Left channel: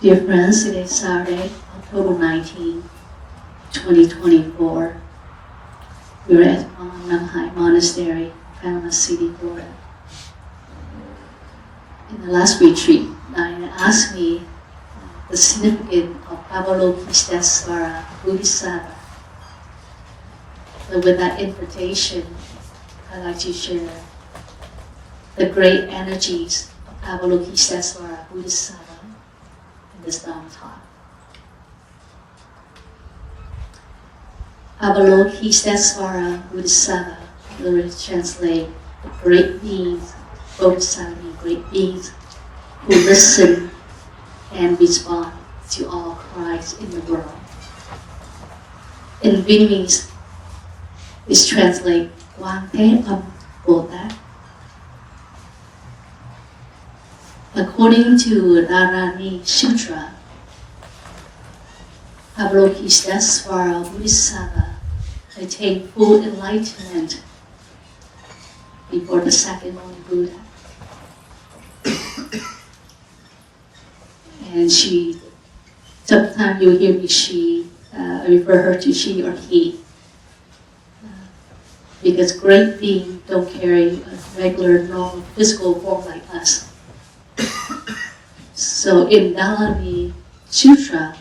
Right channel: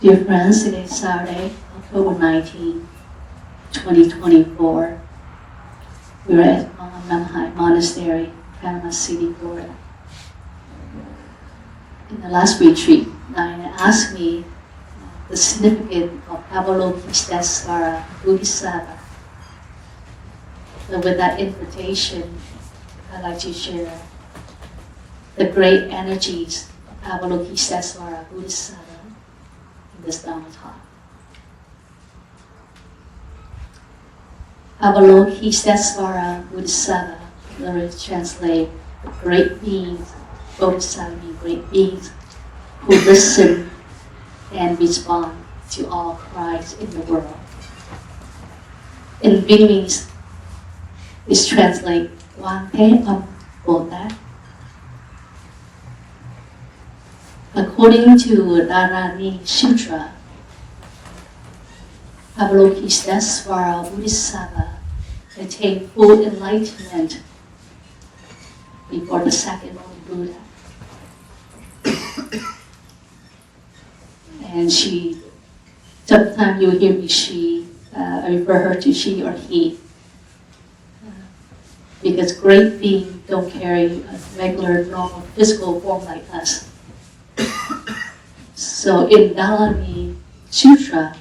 Dear friends, today is Saturday, October 19, 2024. We're at Namhai Monastery, Panama City, Florida. In the last retreat, Diana asked me the significance of Avalokiteshvara Bodhisattva. So with that invitation, I'd like to share the great energies of Avalokiteshvara Bodhisattva in this Dharma talk. Avalokiteshvara Bodhisattva literally translate the great beings, Bodhisattva, great beings who listen and respond to all cries in the world. In Vietnamese, it's translated Quan Bồ-Tát. According to Dharma Sutra, Avalokiteshvara Bodhisattva attained full enlightenment before the Sakyamuni Buddha. And she, sometimes you'll hear me I refer her to she or he. Because great beings don't carry a regular, normal, physical form like us. So in Dharma Sutra,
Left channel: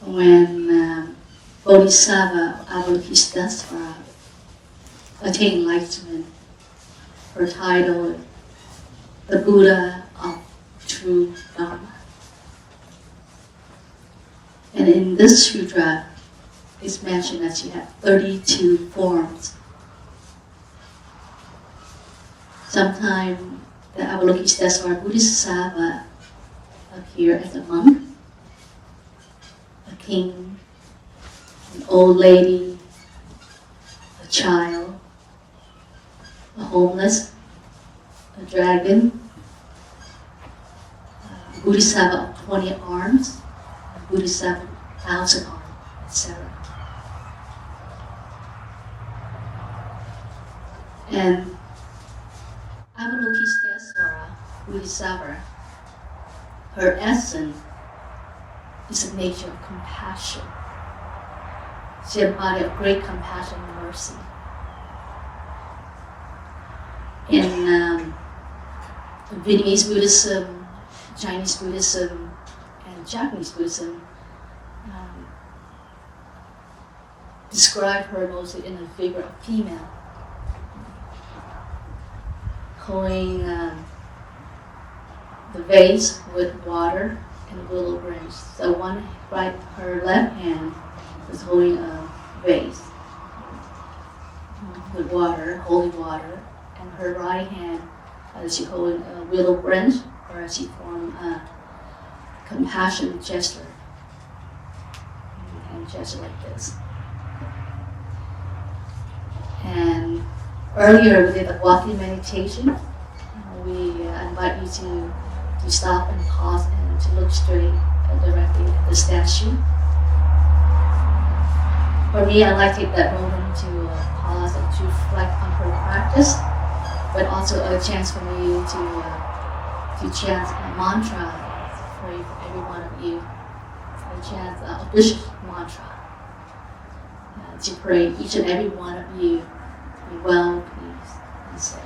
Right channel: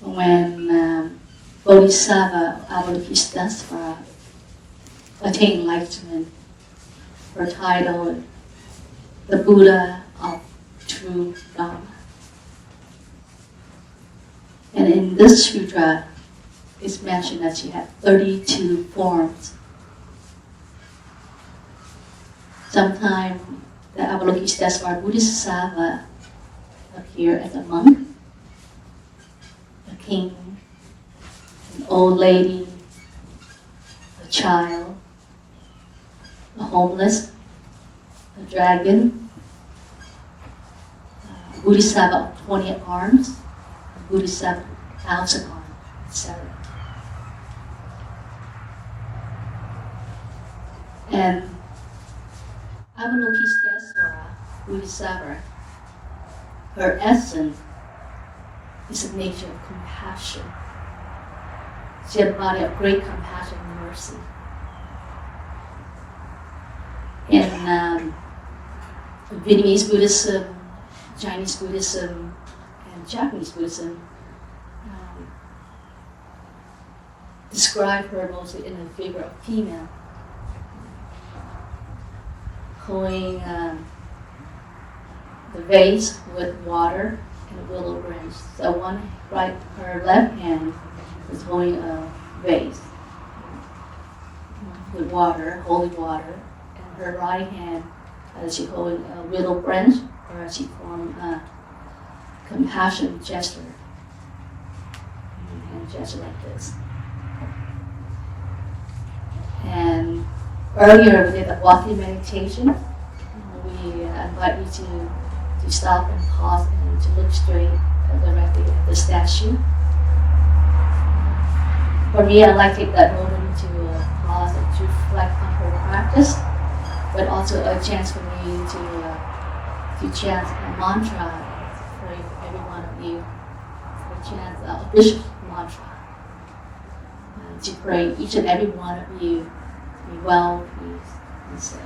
when Bodhisattva Avalokiteshvara attained enlightenment, her title is the Buddha of True Dharma. And in this sutra, it's mentioned that she had 32 forms. Sometimes the Avalokiteshvara Bodhisattva appear as a monk, a king, an old lady, a child, a homeless, a dragon, a Bodhisattva of 20 arms, a Bodhisattva of 1,000 arms, etc. And Avalokiteshvara Bodhisattva, her essence is a nature of compassion. She embodied a great compassion and mercy. In Vietnamese Buddhism, Chinese Buddhism, and Japanese Buddhism, describe her mostly in the figure of female, holding the vase with water and a willow branch. So her left hand is holding a vase with water, holding water, and her right hand is she holding a willow branch, or she formed a compassion gesture, and gesture like this. And earlier we did a walking meditation. We invite you to stop and pause and to look straight directly at the statue. For me, I like to take that moment to pause and to reflect on her practice, but also a chance for me to chant a mantra for every one of you, to chant a bishop mantra, to pray each and every one of you to be well, peace, and safe,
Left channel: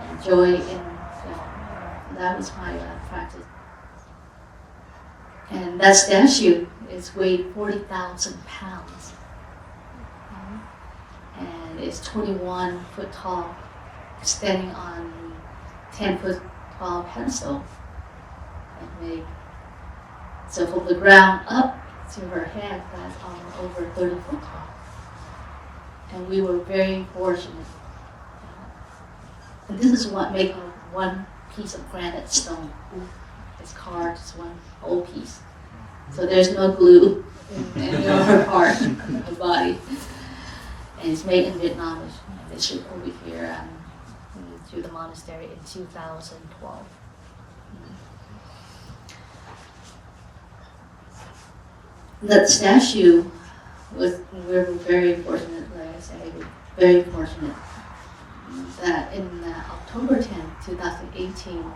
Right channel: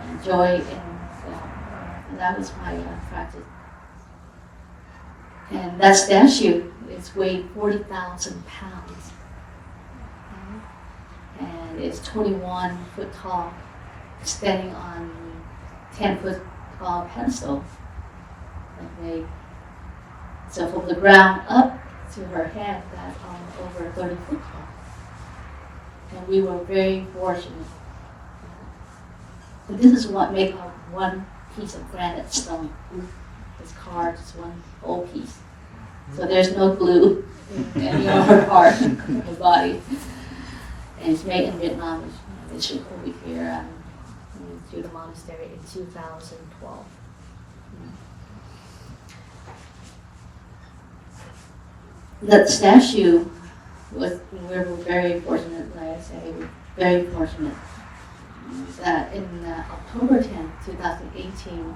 and joy in film. That was my practice. And that statue is weighed 40,000 pounds. And it's 21 foot tall, standing on 10 foot tall pedestal. So from the ground up to her head, that's over 30 foot tall. And we were very fortunate. And this is what makes one piece of granite stone. It's carved as one whole piece. So there's no glue in any other part of the body. And it's made in Vietnam. They shipped over here to the monastery in 2012. That statue we were very fortunate, like I say, very fortunate that in October 10th, 2018,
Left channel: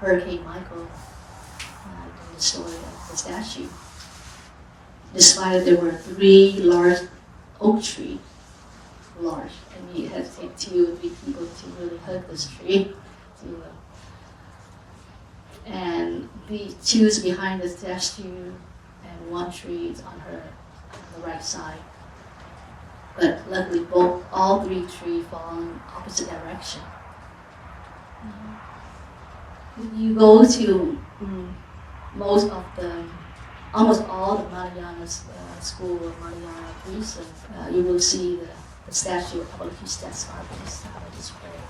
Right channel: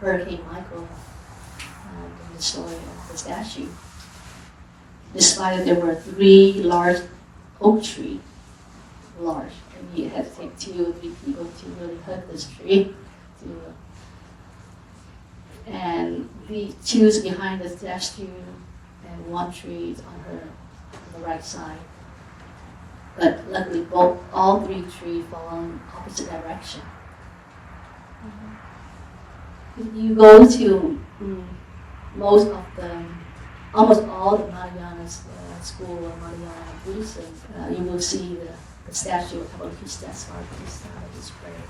Hurricane Michael in the story of the statue. Despite there were 3 large oak trees, large. I mean, it had to take 2 or 3 people to really hug this tree. And the 2 is behind the statue, and 1 tree is on the right side. But luckily, all 3 trees fall in opposite direction. If you go to almost all the Mahayana school or Mahayana Buddhism, you will see the statue of Avalokiteshvara Bodhisattva displayed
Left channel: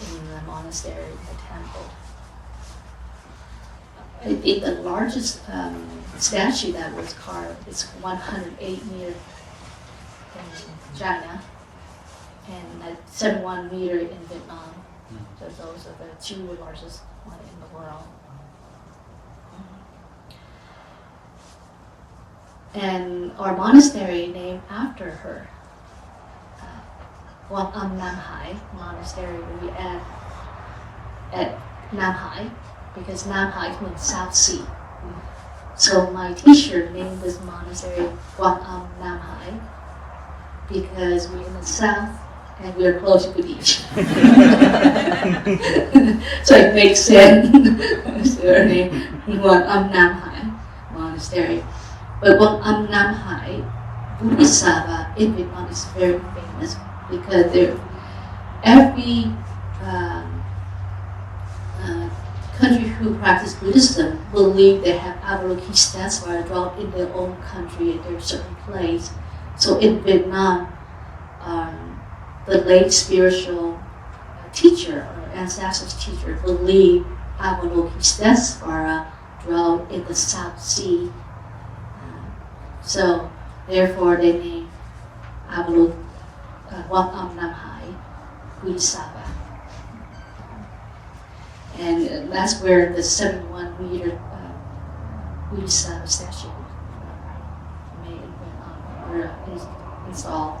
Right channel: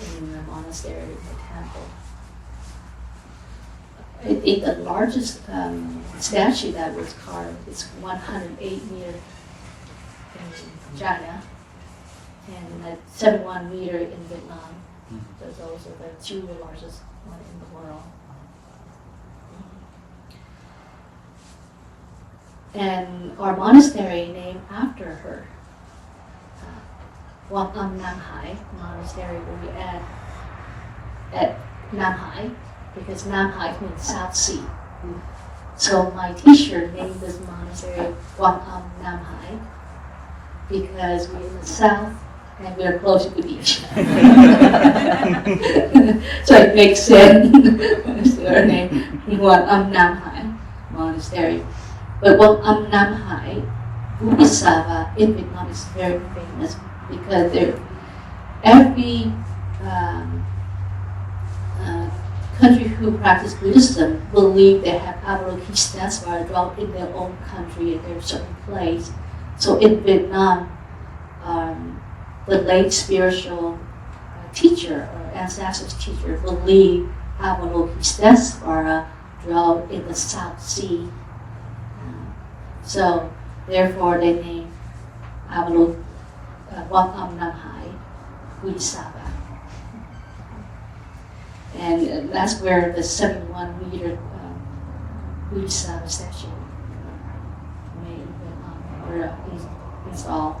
in the monastery, in the temple. I think the largest statue that was carved is 108 meters in China and 71 meters in Vietnam. So those are the 2 largest ones in the world. And our monastery named after her, Quan Nam Hai Monastery, will be at Nam Hai, because Nam Hai means South Sea. So my teacher named this monastery Quan Nam Hai because we're in the south and we're close to the beach. So it makes sense. So our name Quan Nam Hai Monastery. But Quan Nam Hai Bodhisattva in Vietnam is very famous because every country who practice Buddhism believe they have Avalokiteshvara dwelt in their own country at their certain place. So in Vietnam, the late spiritual teacher or ancestral teacher believe Avalokiteshvara dwelt in the South Sea. So therefore they named Quan Nam Hai Bodhisattva. And that's where the 71-meter Bodhisattva statue made or installed.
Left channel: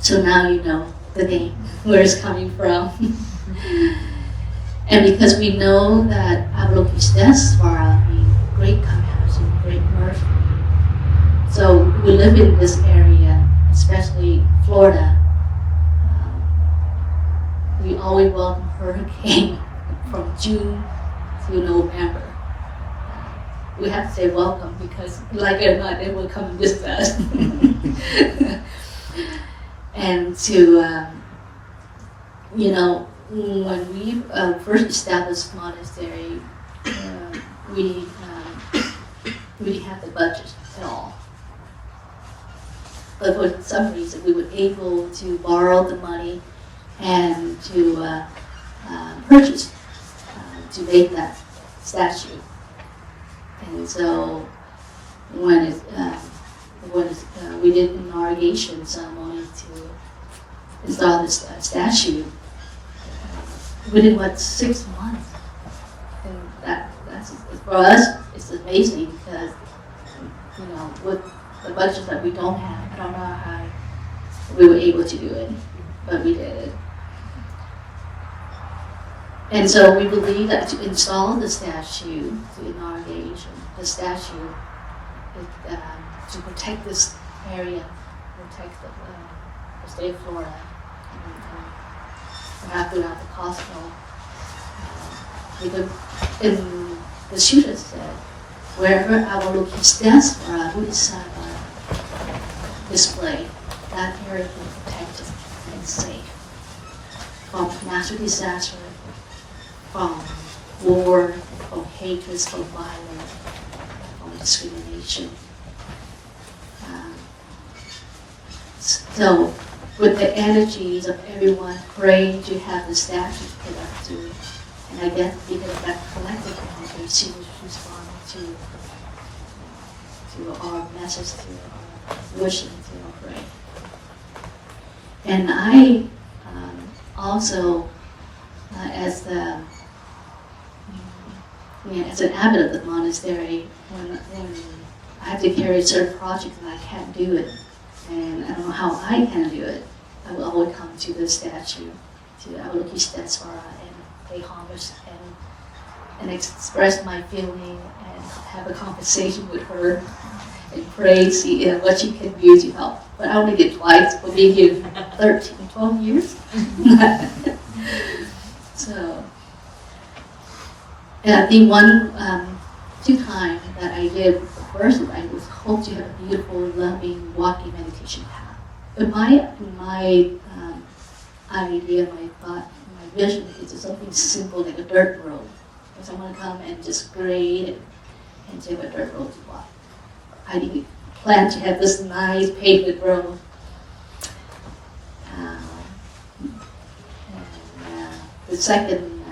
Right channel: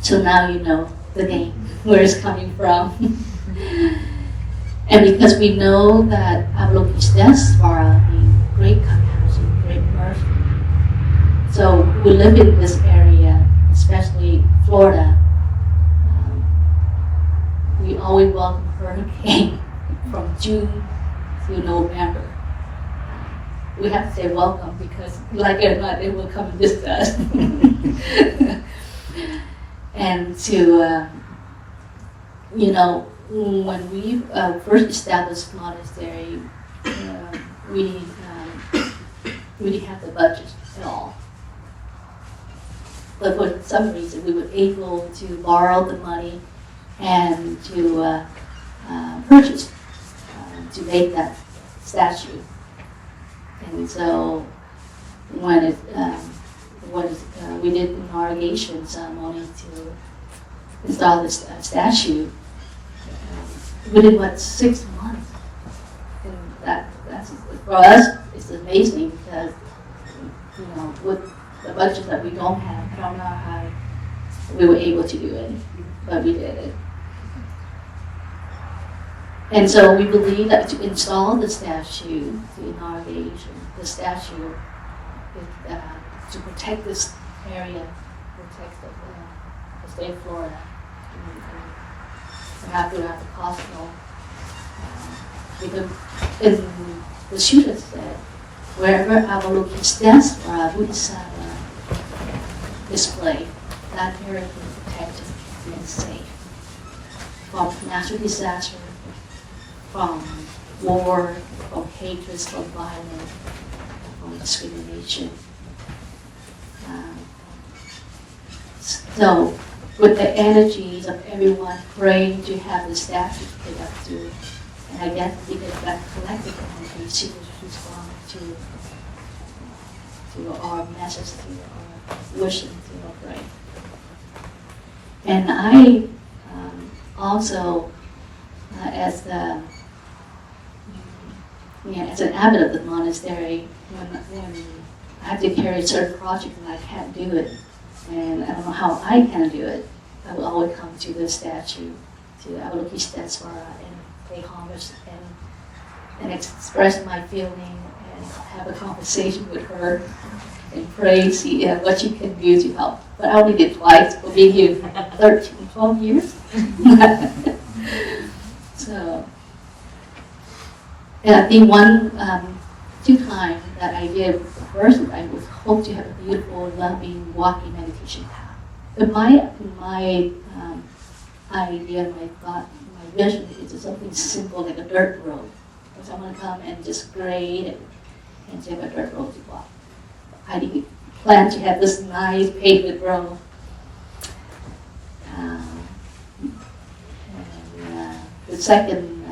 So now you know the name, where it's coming from. And because we know that Avalokiteshvara means great compassion, great mercy. So we live in this area, especially Florida. We always welcome hurricane from June to November. We have to say welcome because, like it or not, they will come and visit us. And to, when we first established monastery, we didn't have the budget at all. But for some reason, we were able to borrow the money and to purchase, to make that statue. And so when we did an inauguration ceremony to install this statue, within 6 months. And that's for us, it's amazing because, with the budget that we don't have, I don't know how we were able to do it, but we did it. And so we believe that to install the statue, the inauguration, the statue, to protect this area, protect the state of Florida, and after that, the Cosmo. In the Sutta said, wherever Avalokiteshvara Bodhisattva displayed, that area can be protected and safe from natural disaster, from war, from hatred, from violence, from discrimination. So, with the energies of everyone praying to have the statue put up to, and I guess because that collective energy to respond to our message, to our wishing, to our prayer. And I also, as an abbot of the monastery, when I have to carry certain projects and I can't do it, and I don't know how I can do it, I will always come to the statue to Avalokiteshvara and pay homage and express my feeling and have a conversation with her and pray, see what she can do to help. But I only did twice for being here 13, 12 years. So, and I think two times that I did, the first I was hoping to have a beautiful, loving, walking meditation path. But my idea, my thought, my vision is just something simple like a dirt road. For someone to come and just grade and to have a dirt road to walk. I didn't plan to have this nice paved road. The second,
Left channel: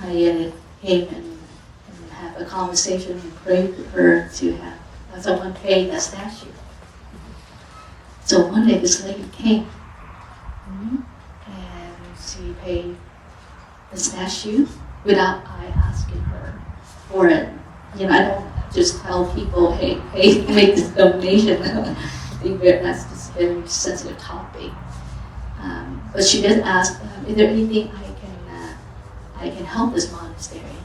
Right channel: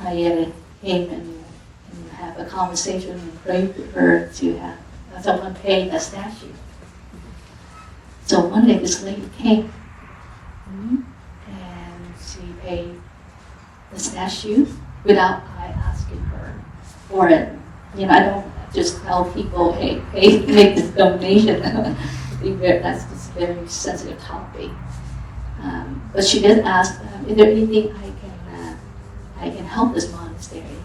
I came and have a conversation and prayed to her to have someone pay the statue. So one day this lady came and she paid the statue without I asking her for it. I don't just tell people, hey, make this donation. I think that's just a very sensitive topic. But she did ask, is there anything I can help this monastery?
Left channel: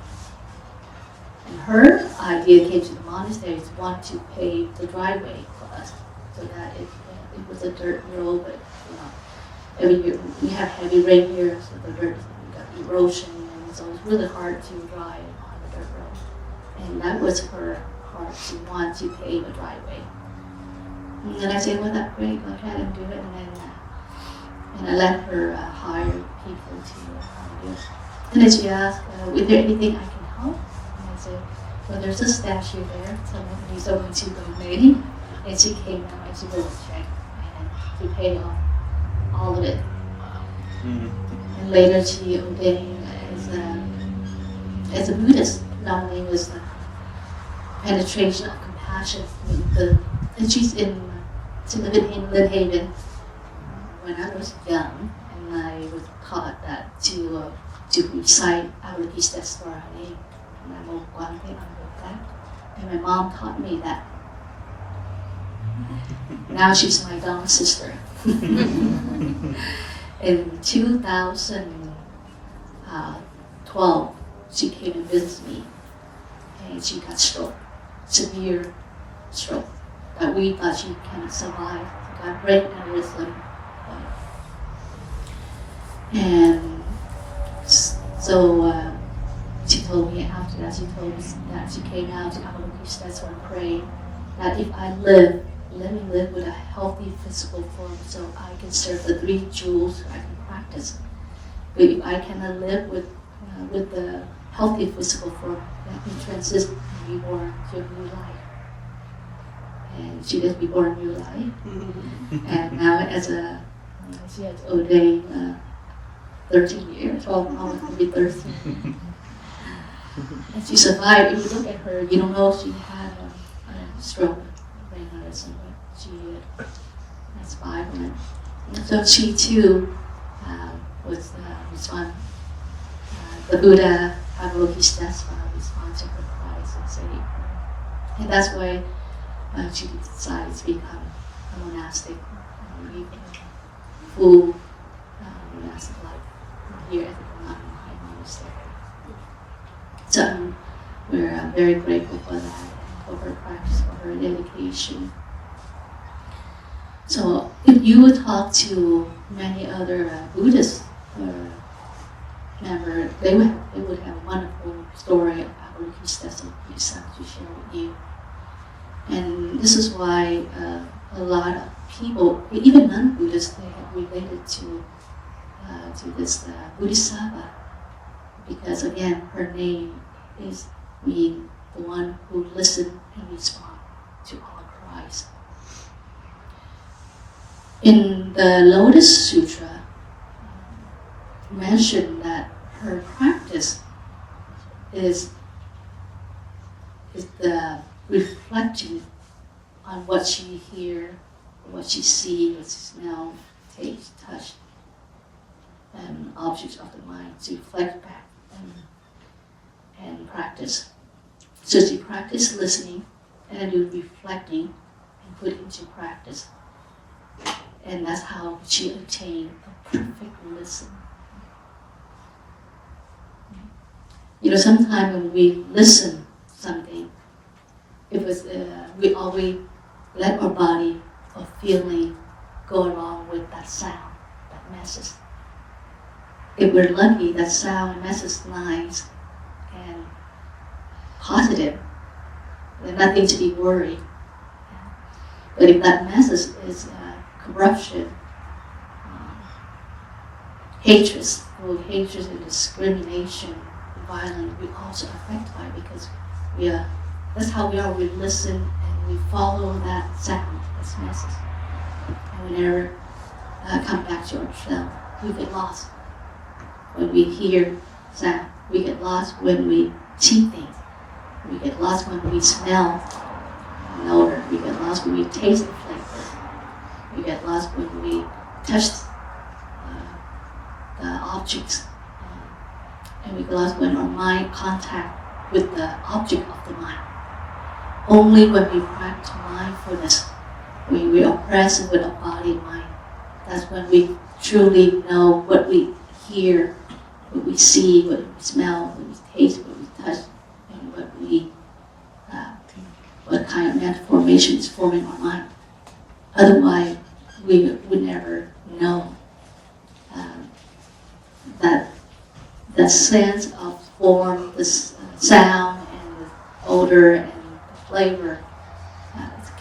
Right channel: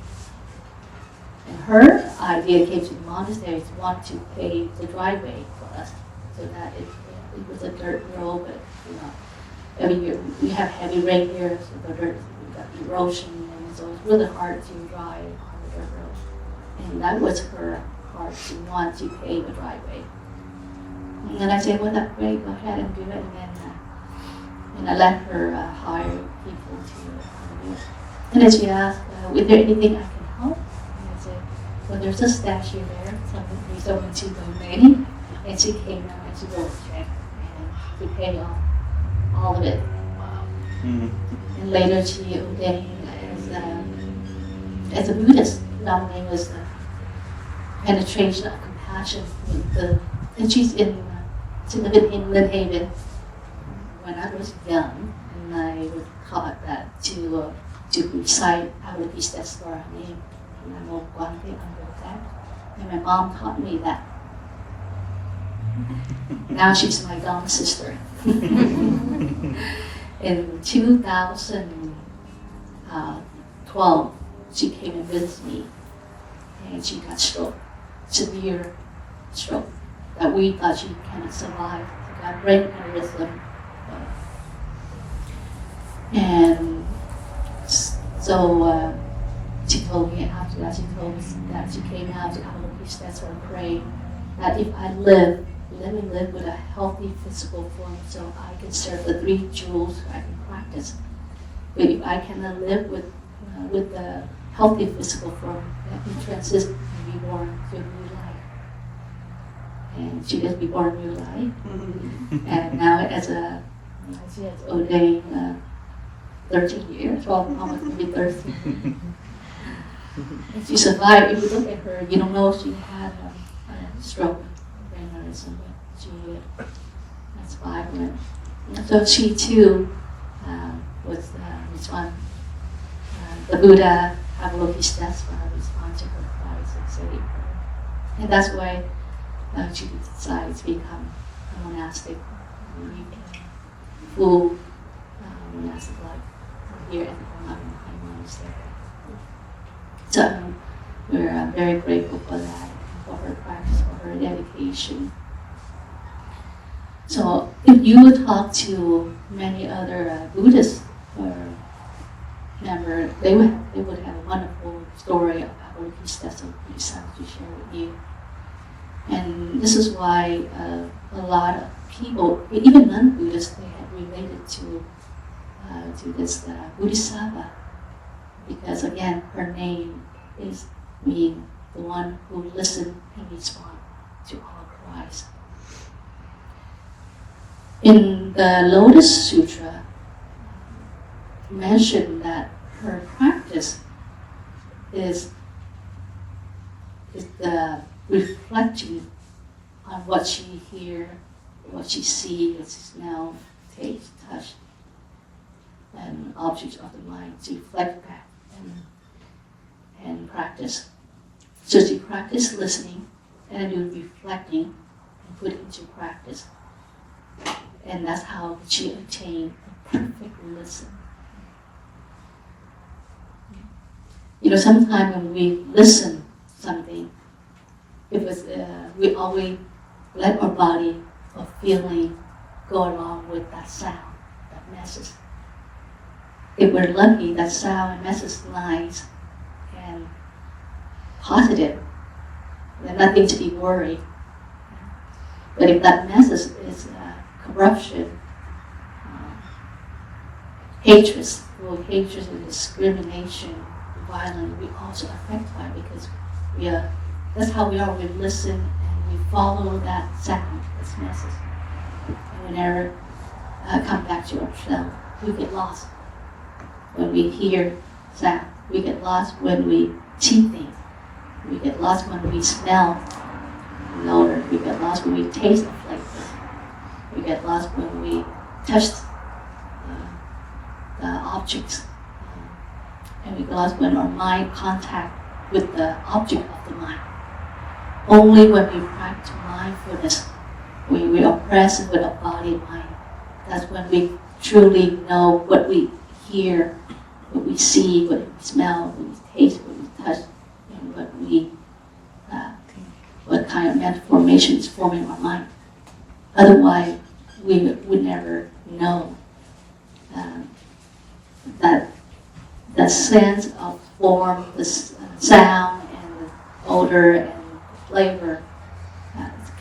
And her idea came to the monastery to want to pave the driveway for us, so that it was a dirt road, but every year we have heavy rain here, so the dirt, we got erosion, and so it's really hard to drive on the dirt road. And that was her heart to want to pave a driveway. And then I said, well, that's great, go ahead and do it. And I let her hire people to do it. And then she asked, is there anything I can help? And I said, well, there's a statue there, someone's going to donate. And she came out and she wrote a check and she paid off all of it. Wow. Mm-hmm. And later she ordained as a Buddhist. Her name was Penetration of Compassion. And she lived in Lynn Haven when I was young, and I was taught that to recite Avalokiteshvara name. And I wrote Quan, I wrote that. And my mom taught me that. Now she's my young sister. In 2012, she came and visited me, and she got stroke, severe stroke, that we thought she cannot survive. She got brain aneurysm. And so she told me after that, she told me that she came out to Avalokiteshvara and prayed that if I live with a healthy physical form, so I can serve the 3 jewels, I can practice. But if I cannot live with the healthy physical form, let me transit and be born to a new life. And she did be born a new life. Mm-hmm. And now she has ordained 13 years, almost to be 13. And she survived. If you look at her, you don't know if she had a stroke, brain aneurysm, but she survived it. And so she too was responded. The Buddha Avalokiteshvara responded to her cries and saved her. And that's why she decided to become a monastic, full monastic life here at the Monastery. So we're very grateful for that, for her practice, for her dedication. So if you would talk to many other Buddhist members, they would have a wonderful story of Avalokiteshvara Bodhisattva to share with you. And this is why a lot of people, even non-Buddhists, they have related to this Bodhisattva, because again, her name is mean the one who listens and responds to all cries. In the Lotus Sutra, mentioned that her practice is the reflecting on what she hears, what she sees, what she smells, tastes, touch, and objects of the mind, to reflect back and practice. So she practice listening and do reflecting and put it into practice. And that's how she attained a perfect listen. Sometimes when we listen something, it was we always let our body or feeling go along with that sound, that message. If we're lucky, that sound and message lines and positive, there's nothing to be worried. But if that message is corruption, hatred and discrimination, violence, we also affect by it because that's how we are. We listen and we follow that sound, this message, and we never come back to ourselves. We get lost when we hear sound. We get lost when we see things. We get lost when we smell an odor. We get lost when we taste the flavor. We get lost when we touch the objects. And we get lost when our mind contact with the object of the mind. Only when we practice mindfulness, when we are present with our body and mind, that's when we truly know what we hear, what we see, what we smell, what we taste, what we touch, and what kind of mental formation is forming our mind. Otherwise, we would never know that the sense of form, the sound, and the odor, and the flavor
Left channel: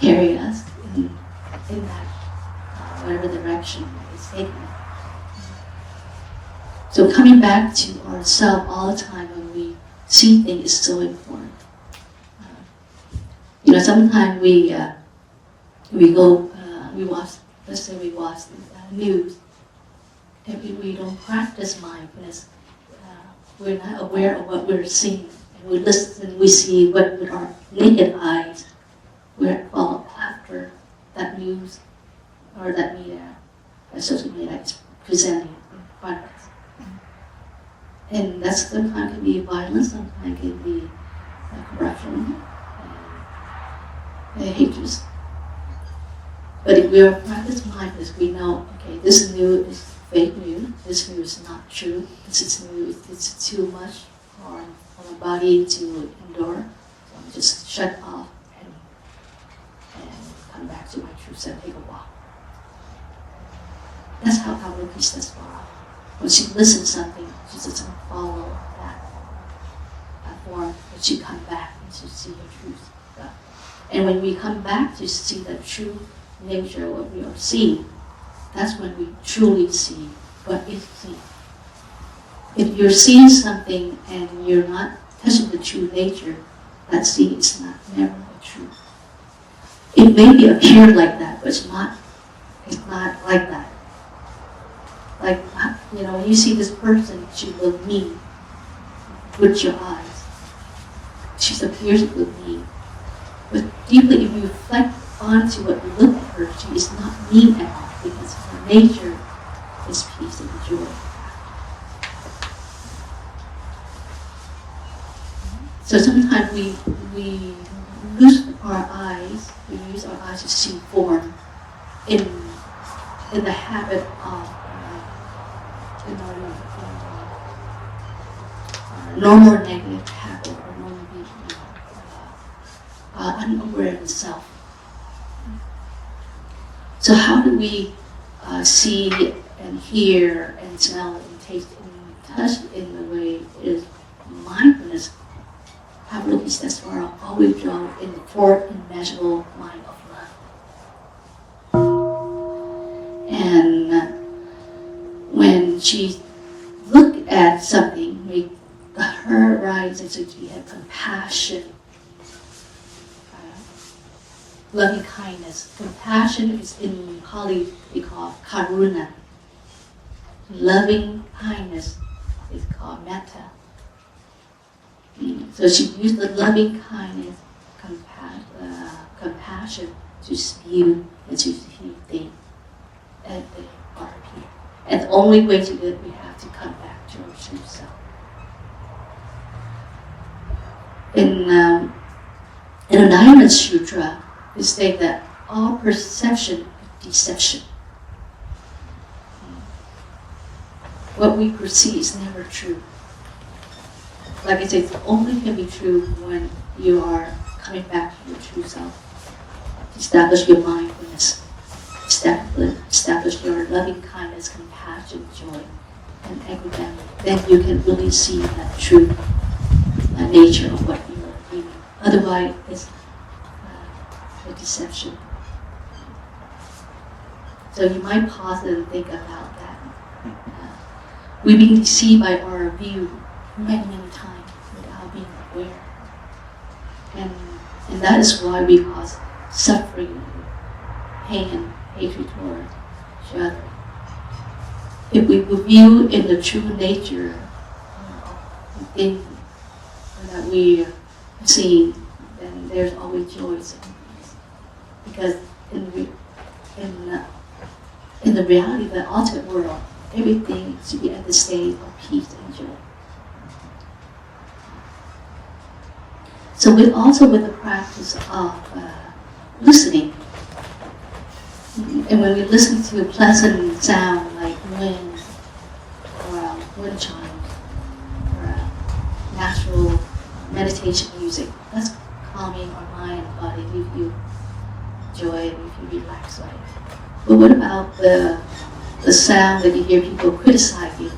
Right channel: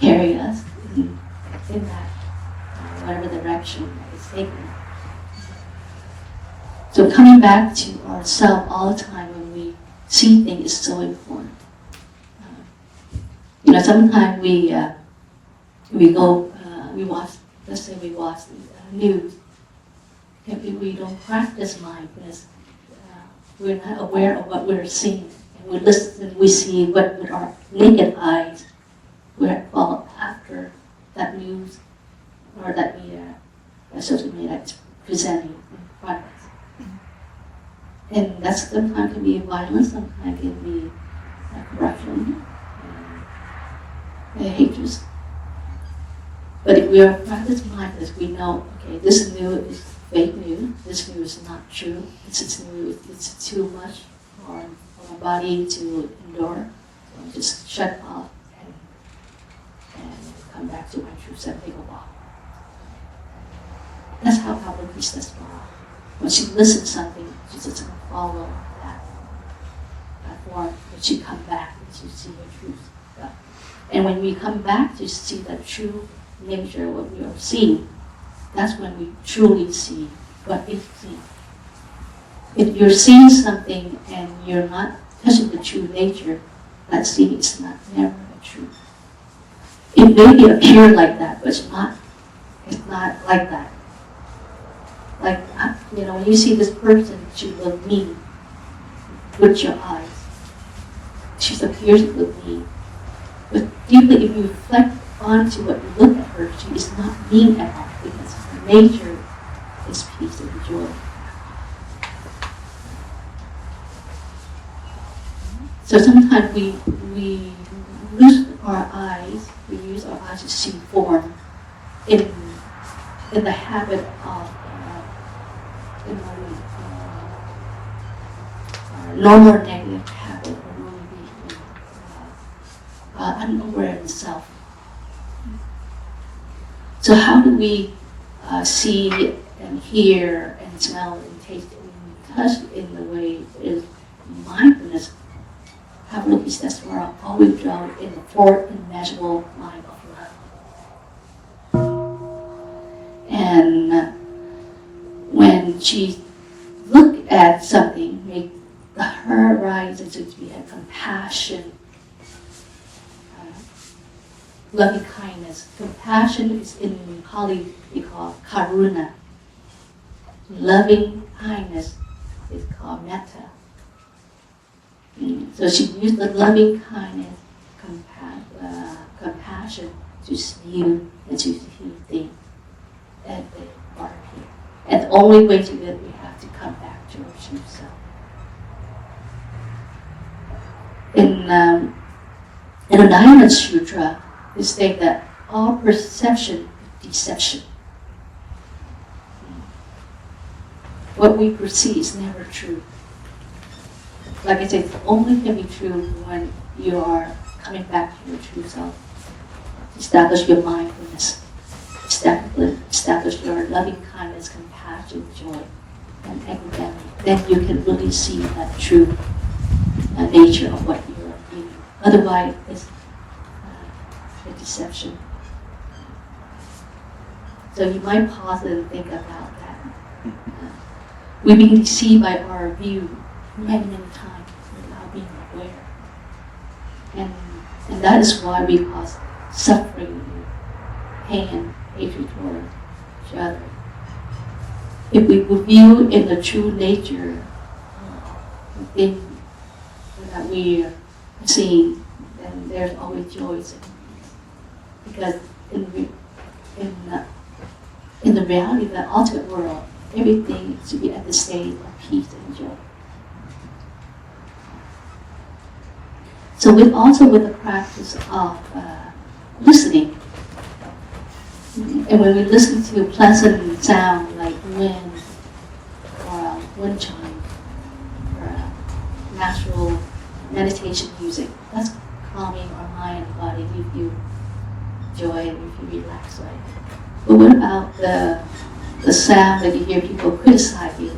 carry us in that whatever direction it's taking. So coming back to ourselves all the time when we see things is so important. Sometimes we watch, let's say we watch the news, and if we don't practice mindfulness, we're not aware of what we're seeing. And we listen, we see what with our naked eyes, we follow after that news or that media, that social media that's presenting in front of us. And that sometimes can be violence, sometimes can be corruption, hatred. But if we are practicing mindfulness, we know, okay, this news is fake news, this news is not true, this is news, it's too much for our body to endure. So I just shut off and come back to my true self, take a walk. That's how Avalokiteshvara, when she listens to something, she doesn't follow that form, but she comes back and she sees the truth. And when we come back to see the true nature of what we are seeing, that's when we truly see what is seen. If you're seeing something and you're not touching the true nature, that seeing is never a truth. It may appear like that, but it's not like that. Like, when you see this person, she look mean with your eyes. She appears to look mean. But deeply, if you reflect onto what you look at her, she is not mean at all, because her nature is peace and joy. So sometimes we lose our eyes, we use our eyes to see form in the habit of normal negative habit or normal being unaware of itself. So how do we see and hear and smell and taste and touch in the way is mindfulness? Avalokiteshvara always draws in the four immeasurable mind of love. And when she looked at something, her eyes and she had compassion, loving kindness. Compassion is in Pali we call karuna. Loving kindness is called metta. So she used the loving kindness, compassion to view and to view things as they are here. And the only way to do it, we have to come back to our true self. In the Dharma Sutra, they state that all perception is deception. what we perceive is never true. Like I said, it only can be true when you are coming back to your true self. Establish your mindfulness. Establish your loving kindness, compassion, joy, and equanimity. Then you can really see that true nature of what you are doing. Otherwise, it's a deception. So you might pause and think about that. We've been deceived by our view many times without being aware. And that is why we cause suffering, pain, and hatred toward each other. If we view in the true nature the thing that we are seeing, then there's always joy and peace. Because in the reality of the ultimate world, everything should be at the state of peace and joy. So with the practice of listening, and when we listen to a pleasant sound like wind or wind chime or natural meditation music, that's calming our mind and body. We feel joy and we feel relaxed. Right? But what about the sound that you hear people criticize you?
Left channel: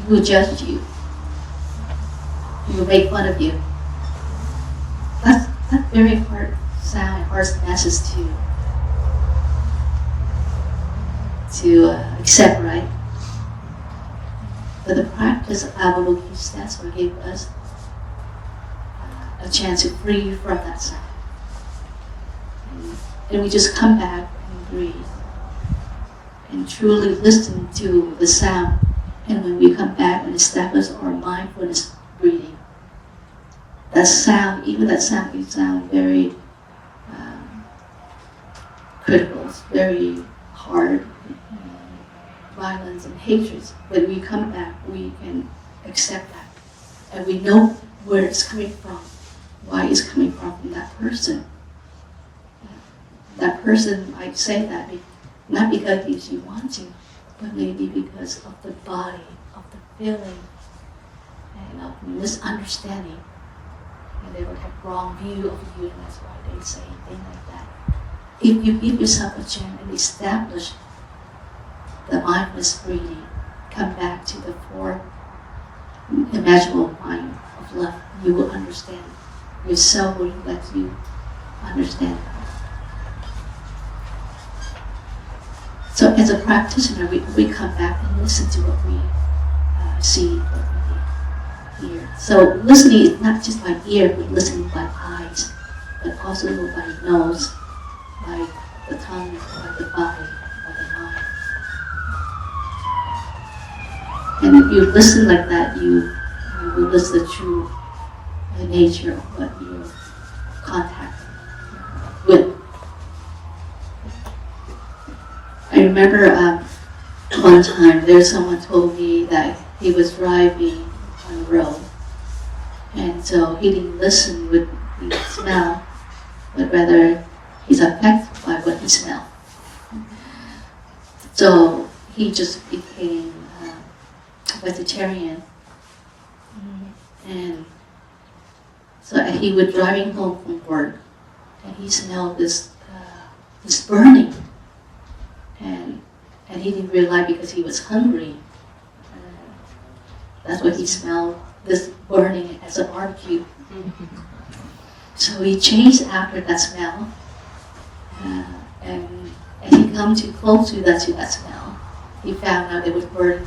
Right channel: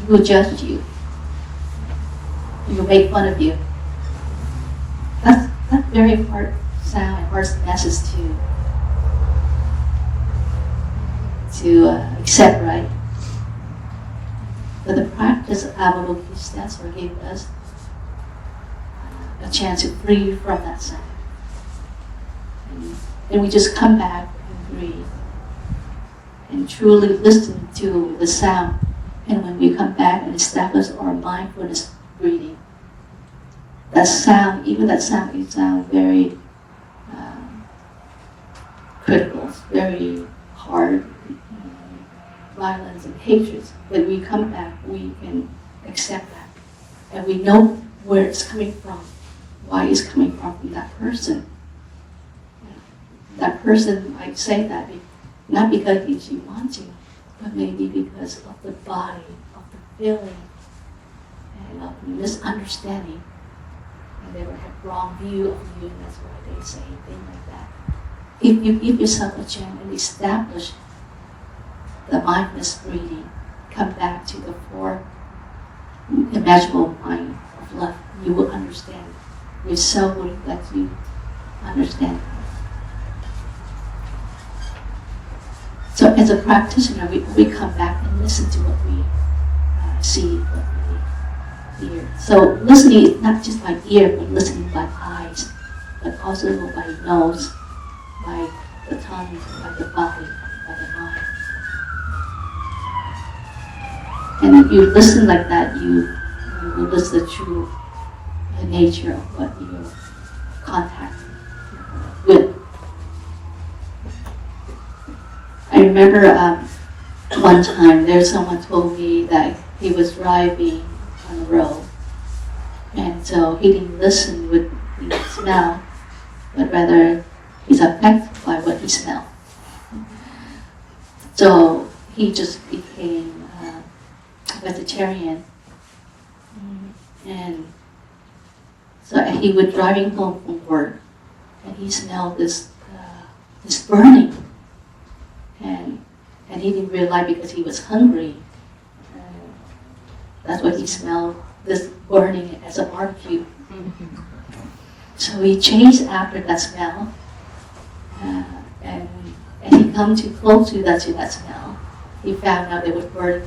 People judge you. People make fun of you. That's very hard sound and hard message to accept, right? But the practice of Avalokiteshvara gave us a chance to free from that sound. And we just come back and breathe and truly listen to the sound. And when we come back and establish our mindfulness breathing, that sound, even that sound, we sound very critical, very hard, violence and hatred. When we come back, we can accept that. And we know where it's coming from, why it's coming from that person. That person might say that not because she wants to, but maybe because of the body, of the feeling, and of misunderstanding. And they will have wrong view of you, and that's why they say things like that. If you give yourself a chance and establish the mindfulness breathing, come back to the four imaginable mind of love, you will understand. We're so willing that you understand. So as a practitioner, we come back and listen to what we see, what we hear. So listening is not just by ear, but listening by eyes, but also by nose, by the tongue, by the body, by the mind. And if you listen like that, you will listen to the nature of what you're contacting with. I remember one time someone told me that he was driving on the road, and so he didn't listen with the smell, but rather he's affected by what he smelled. So he just became vegetarian, and so he was driving home from work, and he smelled this burning. And he didn't realize because he was hungry. That's what he smelled, this burning as a barbecue. So he chased after that smell, and as he come too close to that smell, he found out it was burnt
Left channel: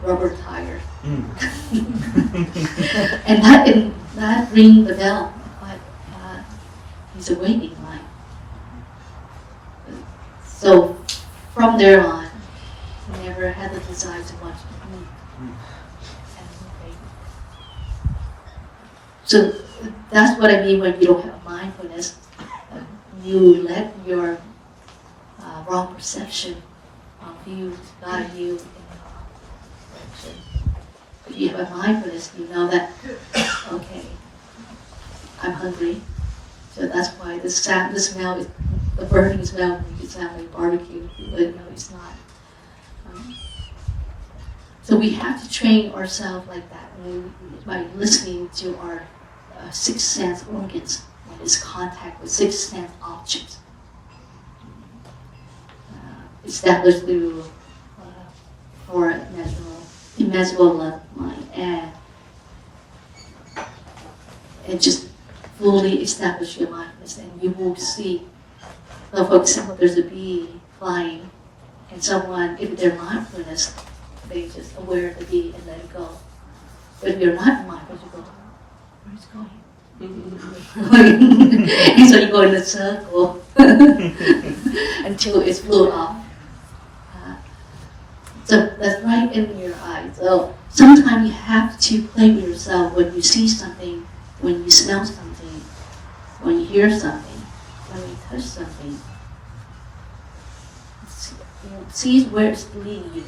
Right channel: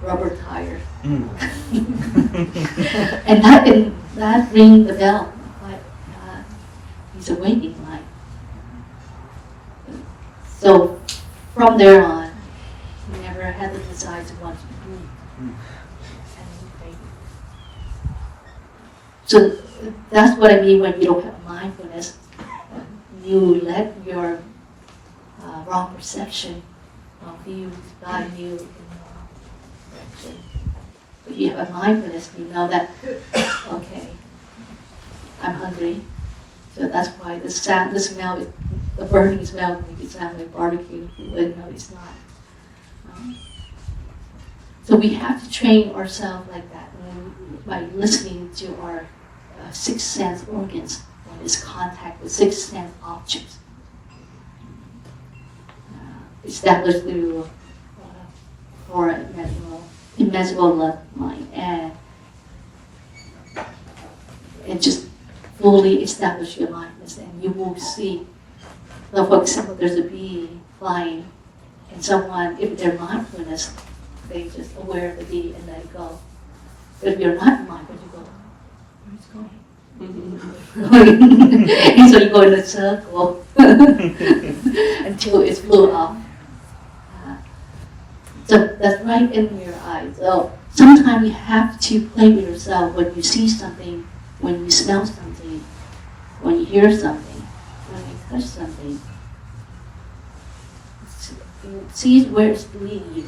rubber tire. And that rang the bell, but he's awaiting mine. So from there on, he never had the desire to watch food. So that's what I mean when you don't have mindfulness. You let your wrong perception of views guide you in the wrong direction. If you have mindfulness, you know that, okay, I'm hungry. So that's why the smell is the burning smell when you have a barbecue. You wouldn't know it's not. So we have to train ourselves like that by listening to our sixth sense organs when it's contact with sixth sense objects. Established through or immeasurable love mind and just fully establish your mindfulness, and you will see. So for example, there's a bee flying, and someone, if they're mindfulness, they just aware of the bee and let it go. But if you're not mindful, you go, where's it going? And so you go in a circle until it's flew off. So that's right in your eyes. So sometimes you have to play with yourself when you see something, when you smell something, when you hear something, when you touch something. See where it's leading you.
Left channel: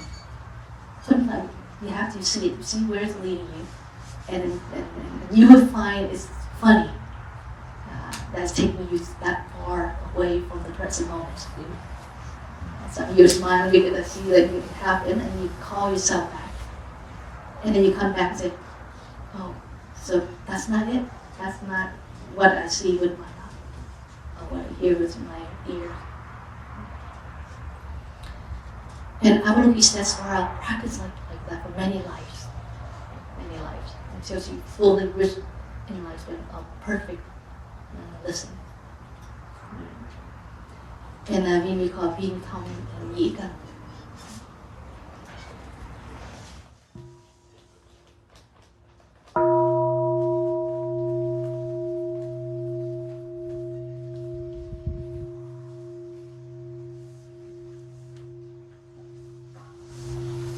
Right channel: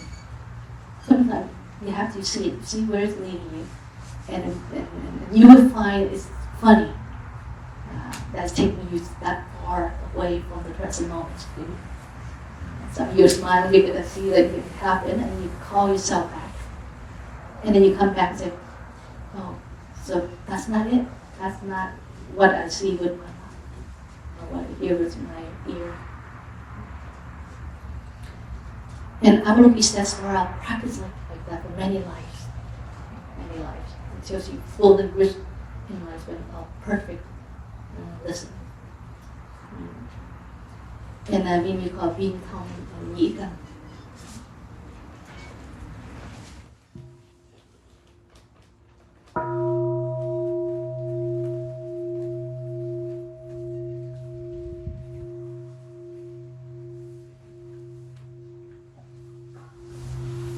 Sometimes you have to see where it's leading you, and you will find it's funny. That's taking you that far away from the present moment. So you smile, you're going to see that it happen, and you call yourself back. And then you come back and say, oh, so that's not it? That's not what I see with my eye, or what I hear with my ear. And Avalokiteshvara practice like that for many lives. Until she fully reached enlightenment of perfect listening. And we call being thông and nhĩ căn.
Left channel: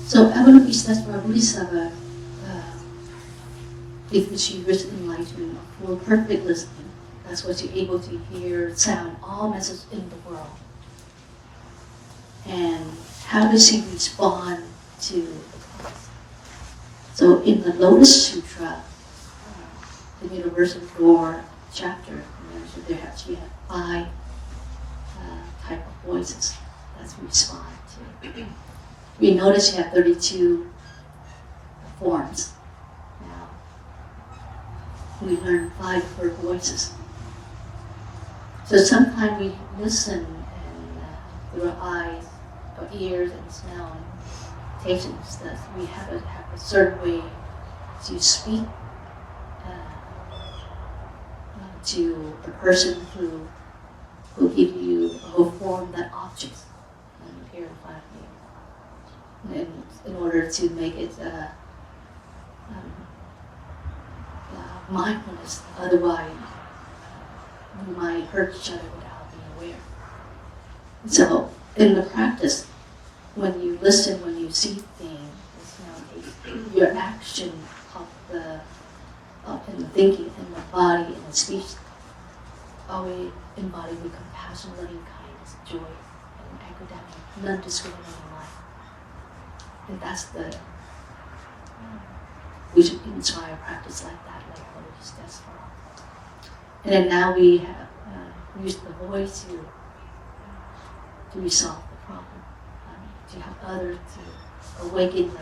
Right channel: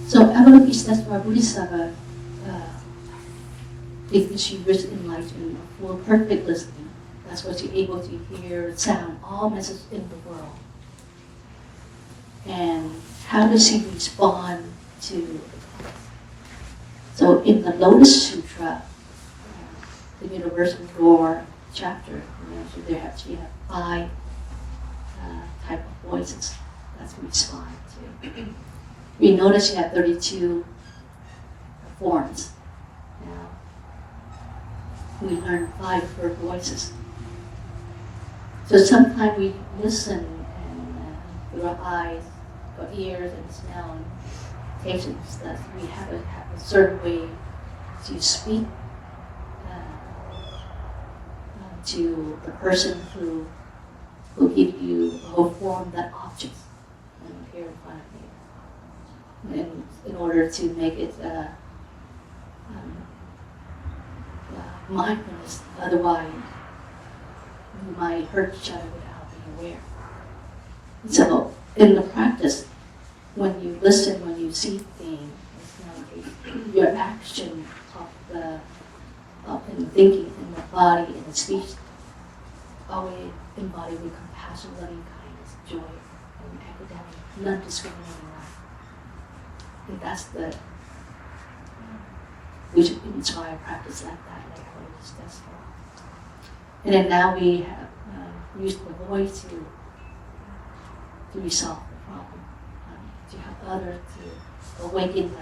So Avalokiteshvara Bodhisattva, if she reached enlightenment of full perfect listening, that's what you're able to hear sound, all messages in the world. And how does she respond to the thoughts? So in the Lotus Sutra, the Universal Door chapter, she have 5 type of voices that we respond to. We notice you have 32 forms. Now, we learn 5 of her voices. So sometimes we listen and through our eyes, our ears, and smell and taste, that we have a certain way to speak to a person who will give you or form that object here in front of you, and in order to make it mindfulness. Otherwise, we might hurt each other without being aware. So, in the practice, when you listen, when you see things, your action in the thinking, in the body, in the speech, always embodied with compassion, loving kindness, joy, and equanimity, non-discriminating life. And that's we should inspire practice like that, like Avalokiteshvara. And then now we have used the voice to resolve the problem, to have others to awaken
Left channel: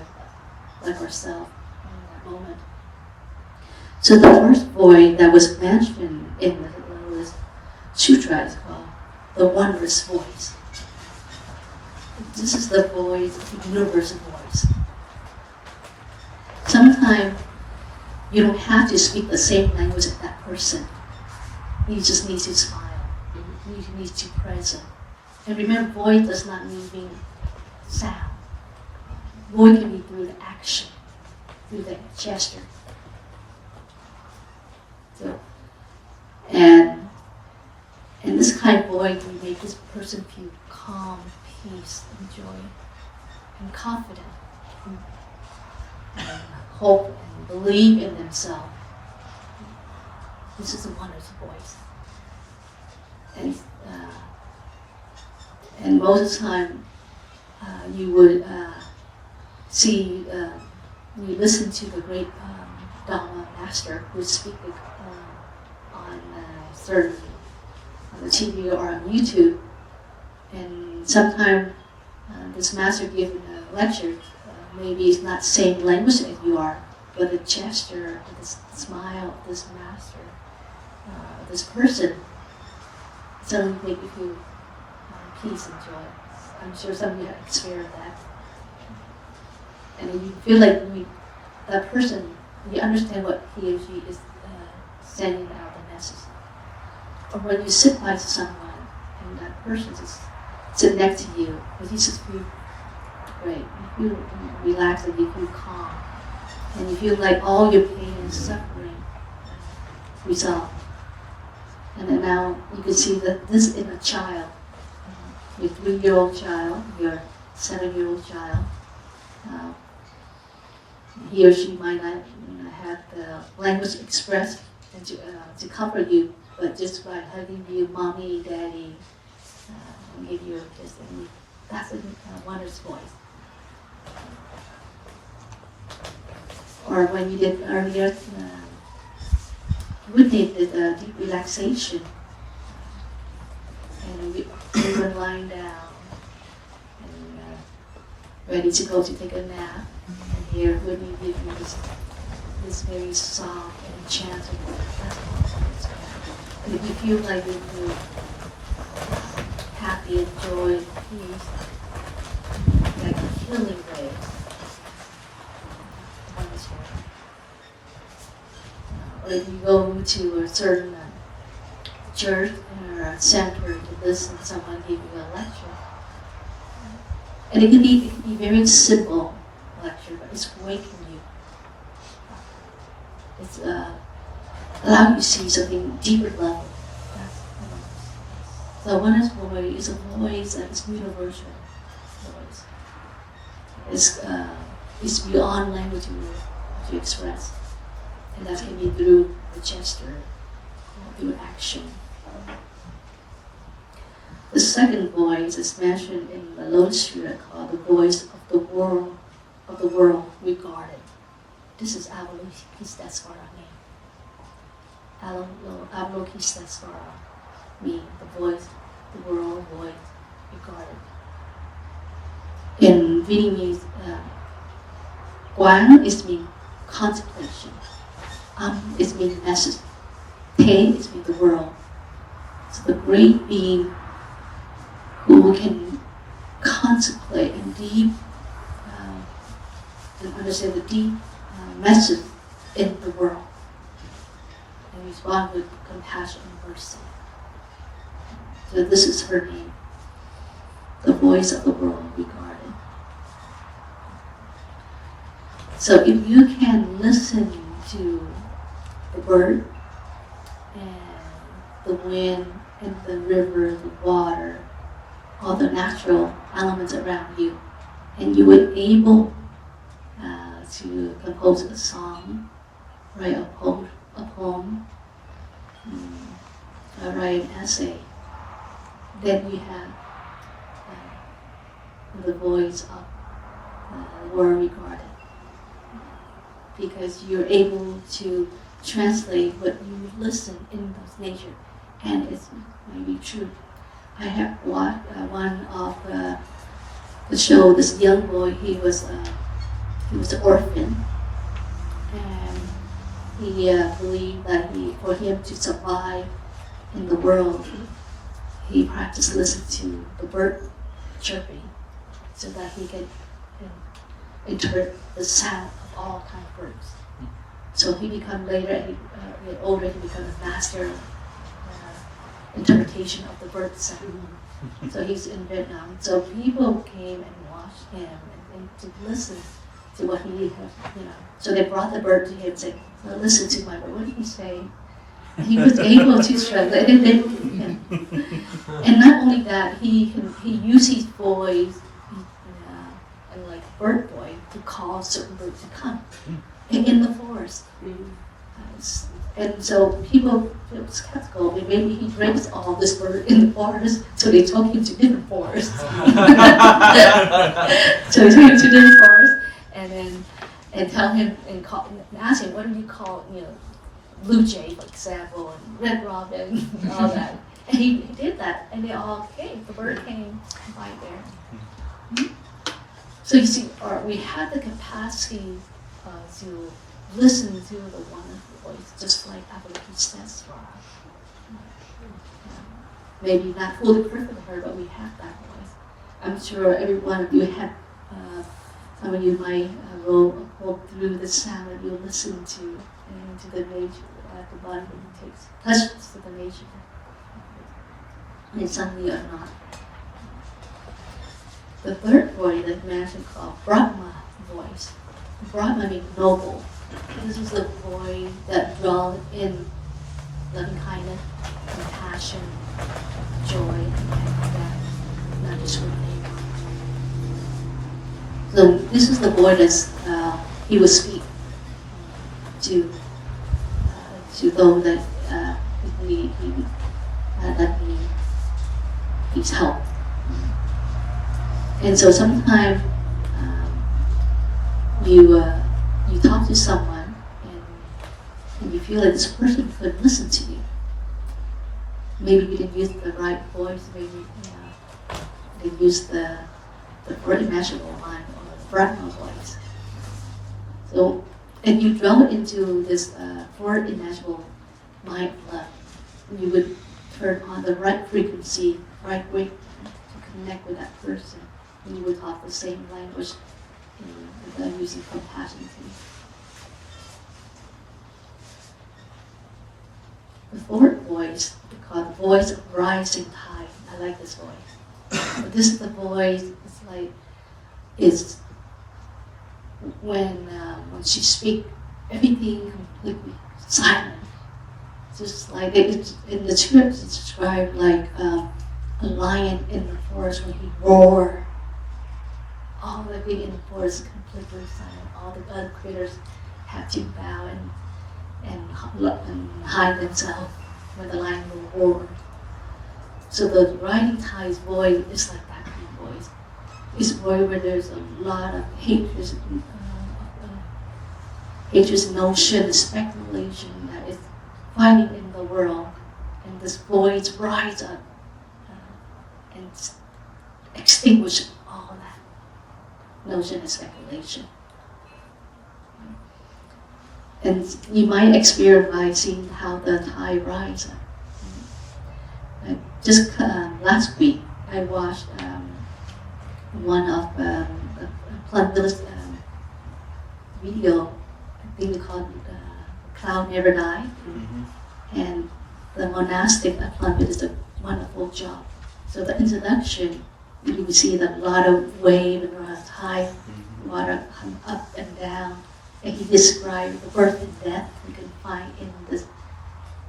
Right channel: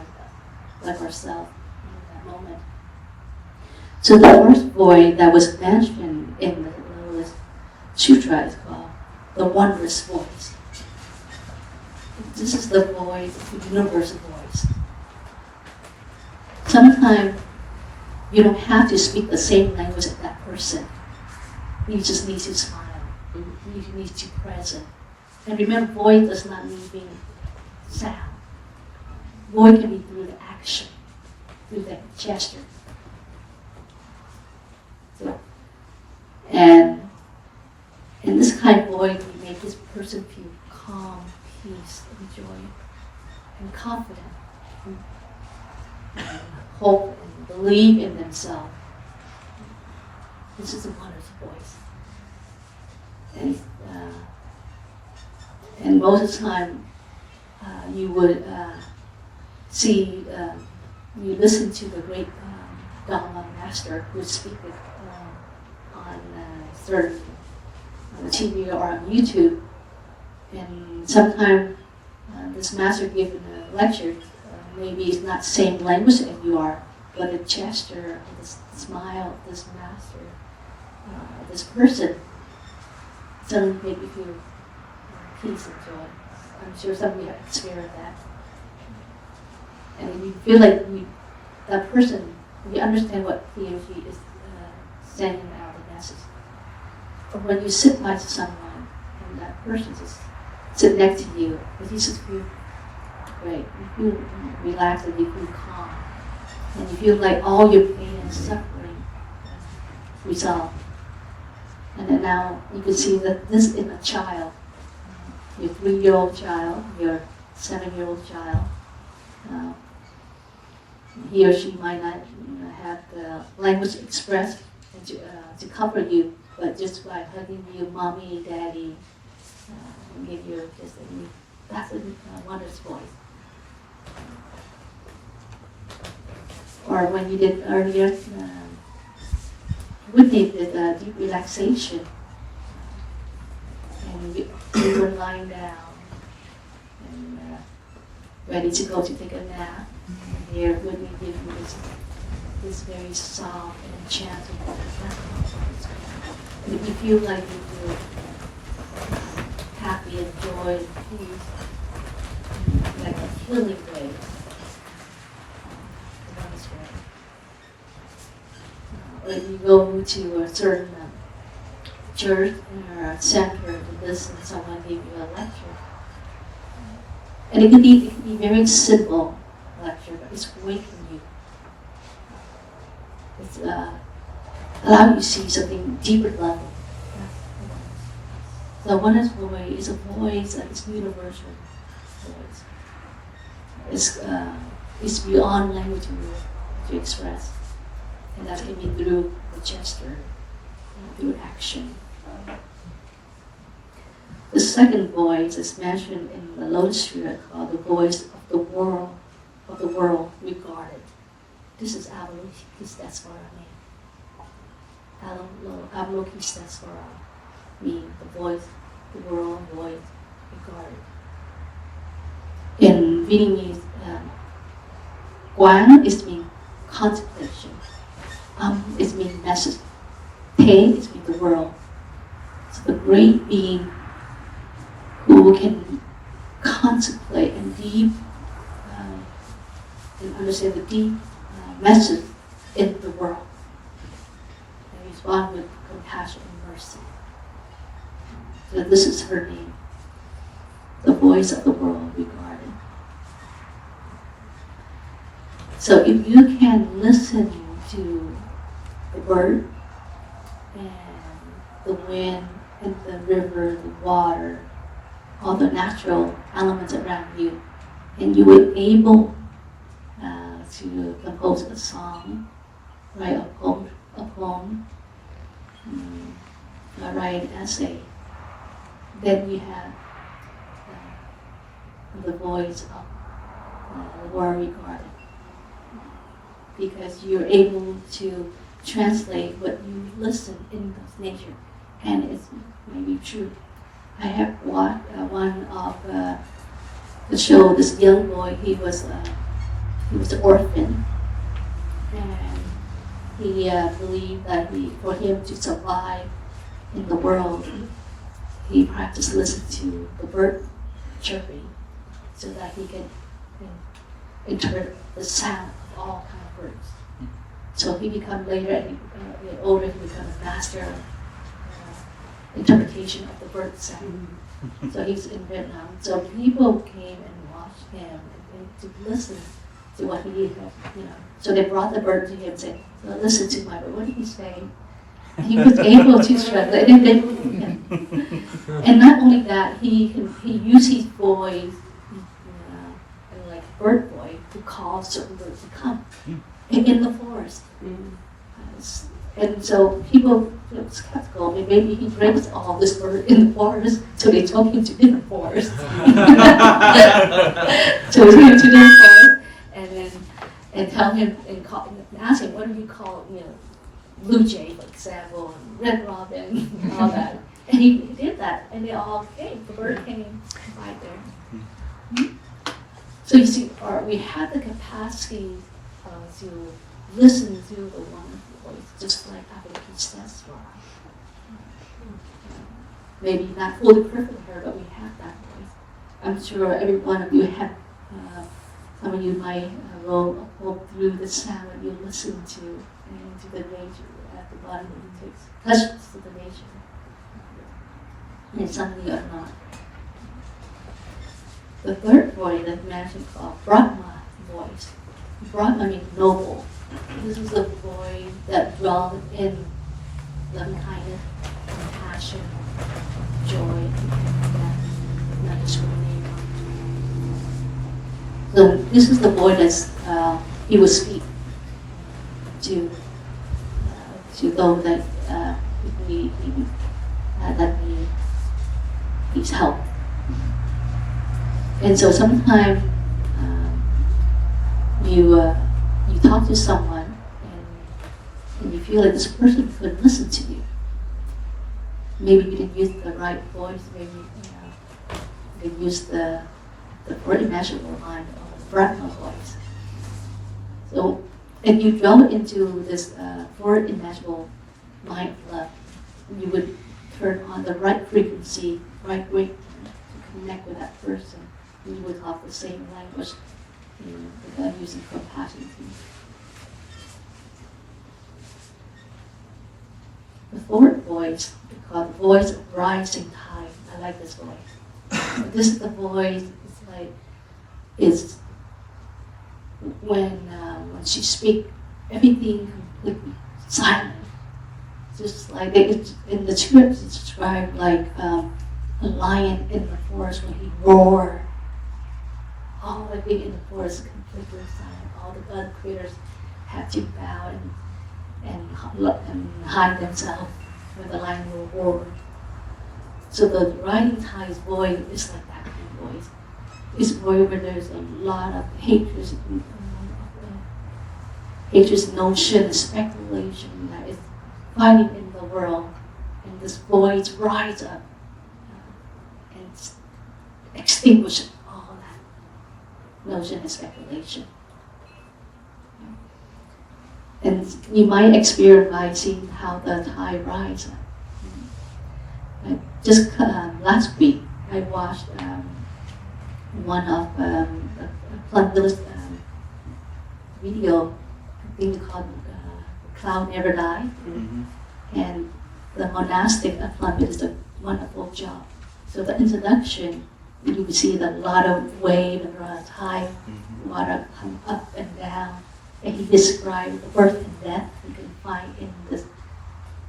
like ourselves in that moment. So the first voice that was mentioned in the Lotus Sutra is called the wondrous voice. This is the voice, the universal voice. Sometimes you don't have to speak the same language as that person. You just need to smile. You need to be present. And remember, voice does not mean being sound. Voice can be through the action, through the gesture. So, and this kind of voice can make this person feel calm, peace, and joy, and confident, and hope, and believe in themselves. This is a wondrous voice. And most of the time, you would see, you listen to the great Dharma master who would speak on certain on the TV or on YouTube. And sometimes this master giving a lecture, maybe it's not the same language as you are, but the gesture, the smile of this master, this person, suddenly make you feel peace and joy. I'm sure some of you have experienced that. And you feel like that person, you understand what he or she is sending out the message. Or when you sit by someone and that person just sit next to you, and you just feel great, you feel relaxed and you feel calm. And you feel like all your pain and suffering resolved. And then now you can see that this is a child, your 3-year-old child, your 7-year-old child. He or she might not have the language expressed and to comfort you, but just by hugging you, mommy, daddy, and give you just that's a wondrous voice. Or when you did earlier, we did deep relaxation, and you were lying down and ready to go to take a nap. And here, when you give you this very soft and enchanting voice, that's how it's going. And if you feel like you feel happy and joy and peace, like a healing wave, the one is working. Or you go to a certain church or a center to listen to someone give you a lecture. And it can be very simple lecture, but it's waking you. It's allowing you to see something deeper level. That's the oneness. The oneness voice is a voice that is universal voice. It's beyond language to express. And that can be through the gesture, through action. The second voice is mentioned in the Lotus Sutra called the voice of the world regarded. This is Avalokiteshvara name. Avalokiteshvara meaning the voice, the world voice regarded. In Vietnamese, Quan is mean contemplation. Is mean message. Te is mean the world. So the great being who can contemplate and deep and understand the deep message in the world and respond with compassion and mercy. So this is her name, the voice of the world regarded. So if you can listen to the bird and the wind and the river, the water, all the natural elements around you, and you were able to compose a song, write a poem, write an essay, then you have the voice of the world regarded. Because you're able to translate what you listen in this nature, and it's maybe true. I have watched one of the show. This young boy, he was an orphan, and he believed that for him to survive in the world, he practiced listening to the bird chirping, so that he can interpret the sound of all kinds of birds. So he become later, when older, he become a master interpretation of the bird sound. So he's in Vietnam. So people came and watched him and to listen to what he had, So they brought the bird to him and said, well, listen to my bird. What did he say? And he was able to translate, and they believed him. And not only that, he used his voice, and like bird voice, to call certain birds to come in the forest. And so people feel skeptical. Maybe he brings all this bird in the forest, so they took him to different forests. So he went to different forests, and tell him and ask him, what do you call blue jay, for example, and red robin, and all that. And he did that, and they all came. The bird came by there. So you see, we have the capacity to listen to the wonderful voice, just like Avalokiteshvara. Maybe not fully perfect with her, but we have that voice. I'm sure every one of you have. Some of you might go through the sound that you listen to, and to the nature at the body that you touches to the nature. And some of you are not. The third voice that mentioned called Brahma voice. Brahma means noble. This is the voice that dwells in loving kindness, compassion, joy, and death, not discrimination. So this is the voice that he will speak to those that that needs help. And so sometimes you talk to someone and you feel like this person could listen to you. Maybe you didn't use the right voice. Maybe they use the unimaginable mind or the Brahma voice. So, if you dwell into this fourth imaginable mind of love, you would turn on the right frequency, right way to connect with that person. You would talk the same language without using compassion. The fourth voice we call the voice of rising tide. I like this voice. This is the voice. It's when she speaks, everything completely silent. Just like in the scripts, it's described like a lion in the forest when he roars. All the thing in the forest is completely silent. All the other critters have to bow and hide themselves when the lion will roar. So the rising tide's voice is like that kind of voice. It's a voice where there's a lot of hatred, notion, speculation that is fighting in the world, and this voice rises up and extinguishes all that notion and speculation. And you might experience by seeing how the tide rises up. Just last week, I watched one of the Plum-Village video, I think we call it Cloud Never Die. And the monastic of Plum-Village did a wonderful job. So the introduction, you see a lot of wave and a lot of tide, water come up and down. And he described the birth and death you can find in this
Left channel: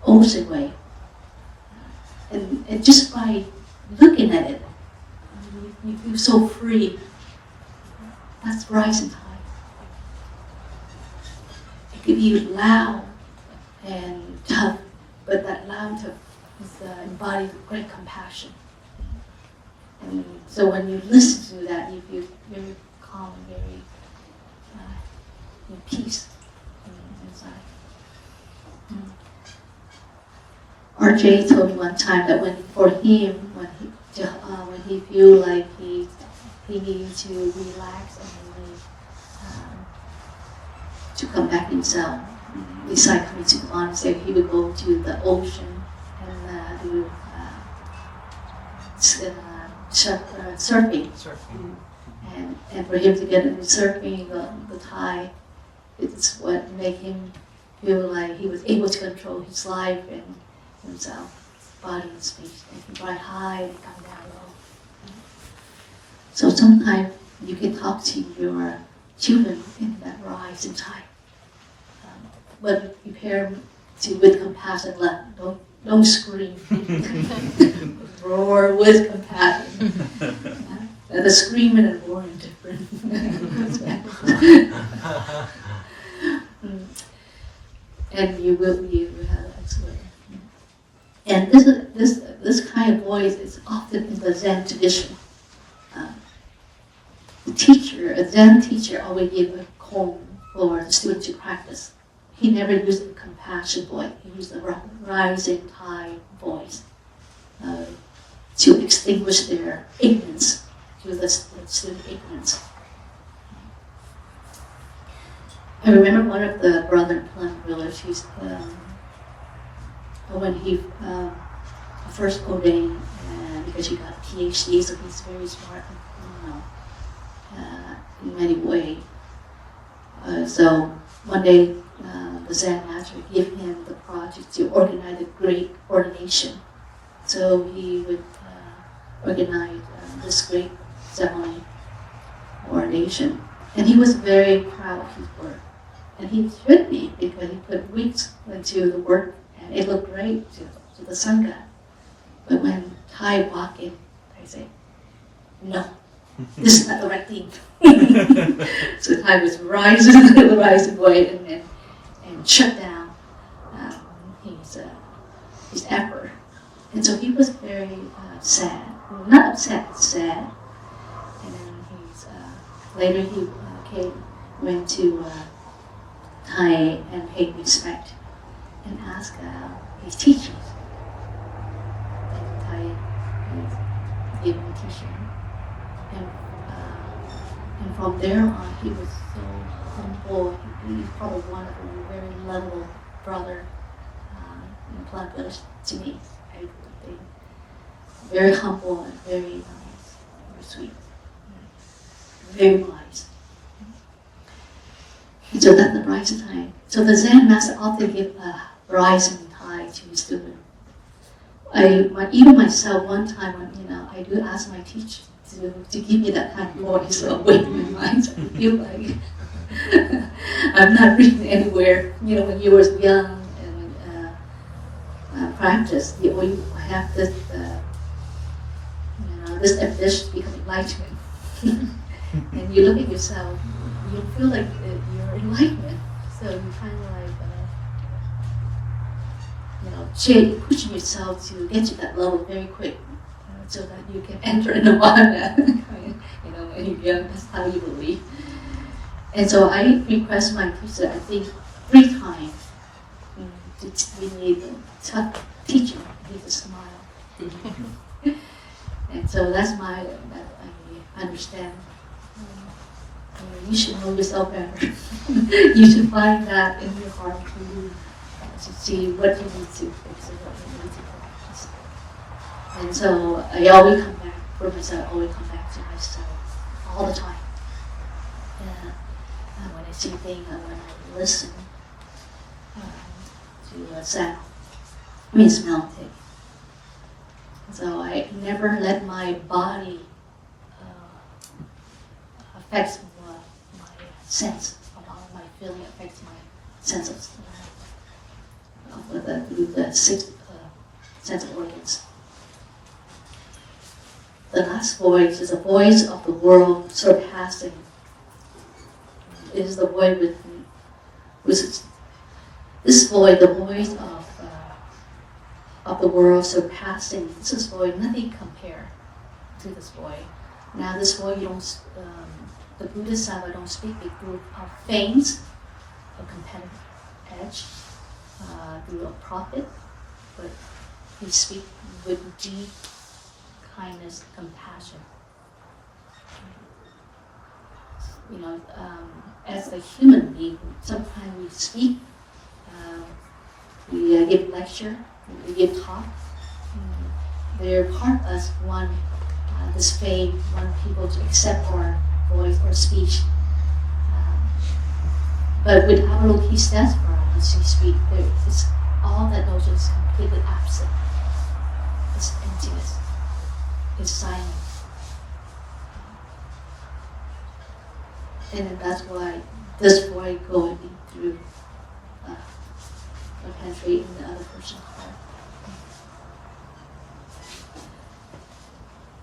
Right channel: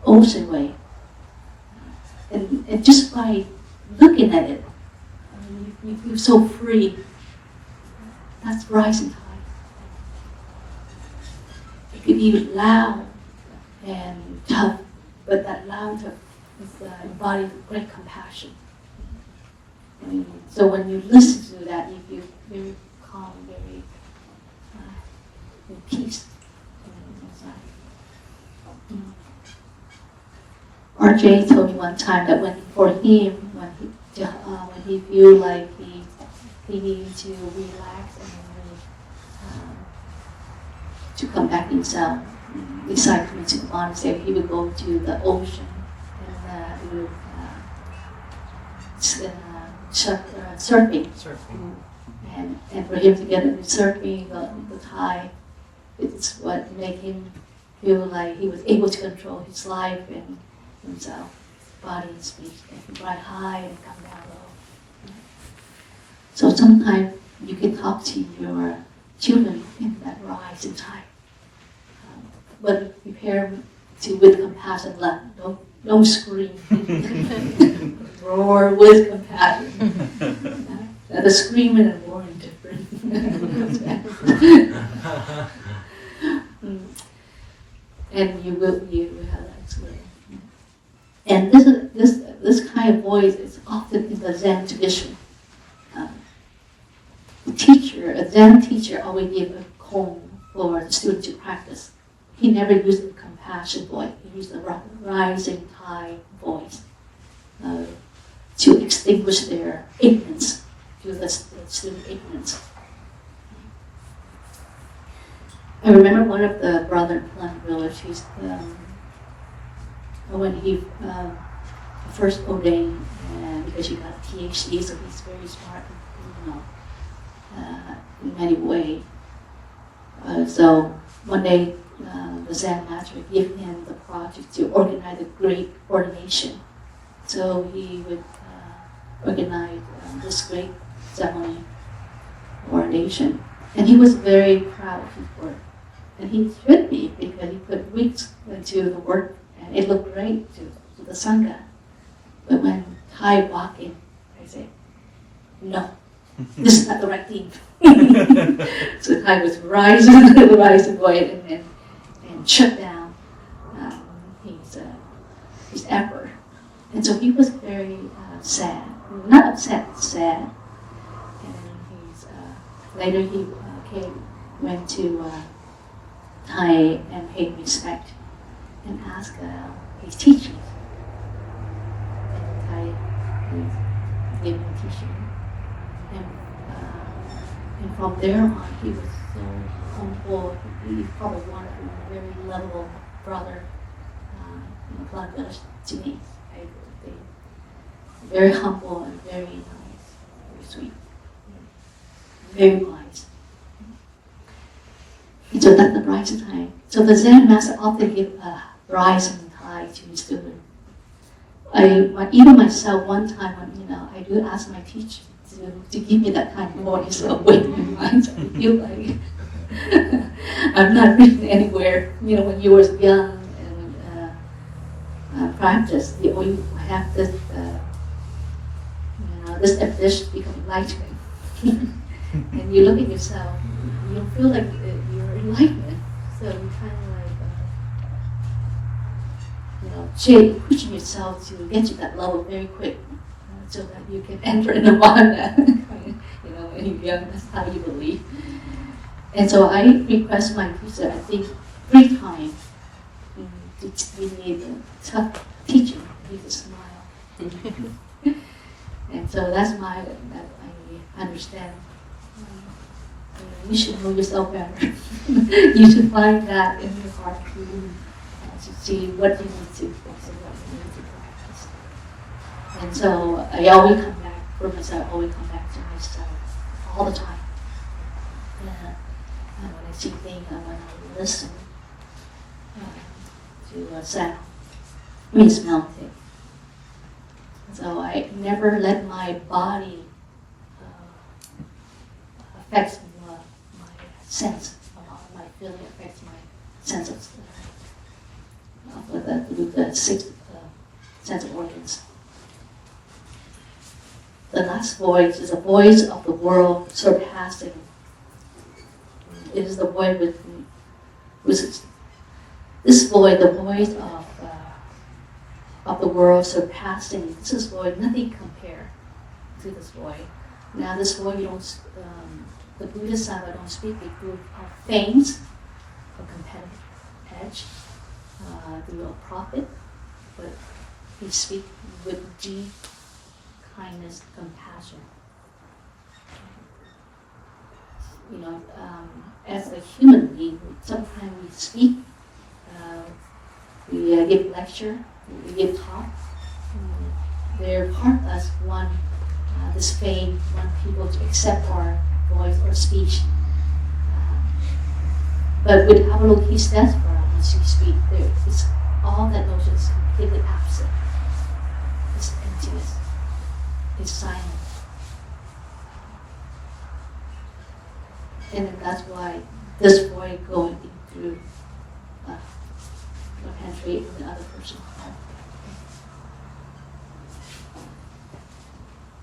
ocean wave. And just by looking at it, you feel so free. That's rising tide. It can be loud and tough, but that loud tough is embodies great compassion. And so when you listen to that, you feel very calm and very in peace inside. RJ told me one time that when he feel like he needs to relax and to come back himself, besides coming to the monastery, he would go to the ocean and do surfing. And for him to get into surfing, the tide, it's what made him feel like he was able to control his life and himself, body and speech. And he ride high and come down low. So sometimes you can talk to your children in that rising tide. But prepare with compassion, don't scream. Roar with compassion. The screaming and roaring different. And you will have that experience. And this kind of voice is often in the Zen tradition. A Zen teacher always gave a comb for the student to practice. He never used a compassion voice. He used a rising tide voice. to extinguish their ignorance, to the student ignorance. I remember one of the brother in Plum Village, when he first ordained, because he got a PhD, so he's very smart, in many ways. So one day, the Zen master gave him the project to organize a great ordination. So he would organize this great ceremony, ordination. And he was very proud of his work. And he should be, because he put weeks into the work, and it looked great to the Sangha. But when Thai walked in, I say, no, this is not the right thing. So Thai was rising away and shut down his effort. And so he was very sad, not upset, sad. And then later he went to Thai and paid respect and asked his teachers. And Thai gave him teaching. And from there on, he was so humble. He was probably one of the very lovable brother in the Plant Village to me. I think very humble and very nice, very sweet, very wise. And so that's the brides in Thai. So the Zen master often give brides in Thai to his student. Even myself, one time when I do ask my teacher to give me that kind of voice or weight in my mind, I feel like I'm not reading anywhere. When you were young and practice, you have this this ambition to become enlightenment. And you look at yourself, you feel like you're enlightenment. So you kind of like, pushing yourself to get to that level very quick, so that you can enter in the Nirvana. When you're young, that's how you believe. And so I request my teacher, I think 3 times, to give me the tough teaching. He just smile. And so that's that I understand. You should know yourself better. You should find that in your heart to see what you need to fix and what you need to practice. And so I always come back for myself, always come back to myself all the time. When I see things and when I listen to sound, smell things. So I never let my body affect my sense, my feeling affects my sense of the 6 sense of organs. The last voice is a voice of the world surpassing. It is the voice this voice, the voice of the world surpassing. This is voice, nothing compare to this voice. Now this voice, the Bodhisattva don't speak a group of fames, a competitive edge, through a profit, but we speak with deep kindness, compassion. As a human being, sometimes we speak, we give lecture, we give talk. They're part of us, this fame, want people to accept our voice or speech. But with Avalokiteshvara, as you speak, all that notion is completely absent. It's emptiness. It's silent. And that's why this voice going through penetrating the other person's heart.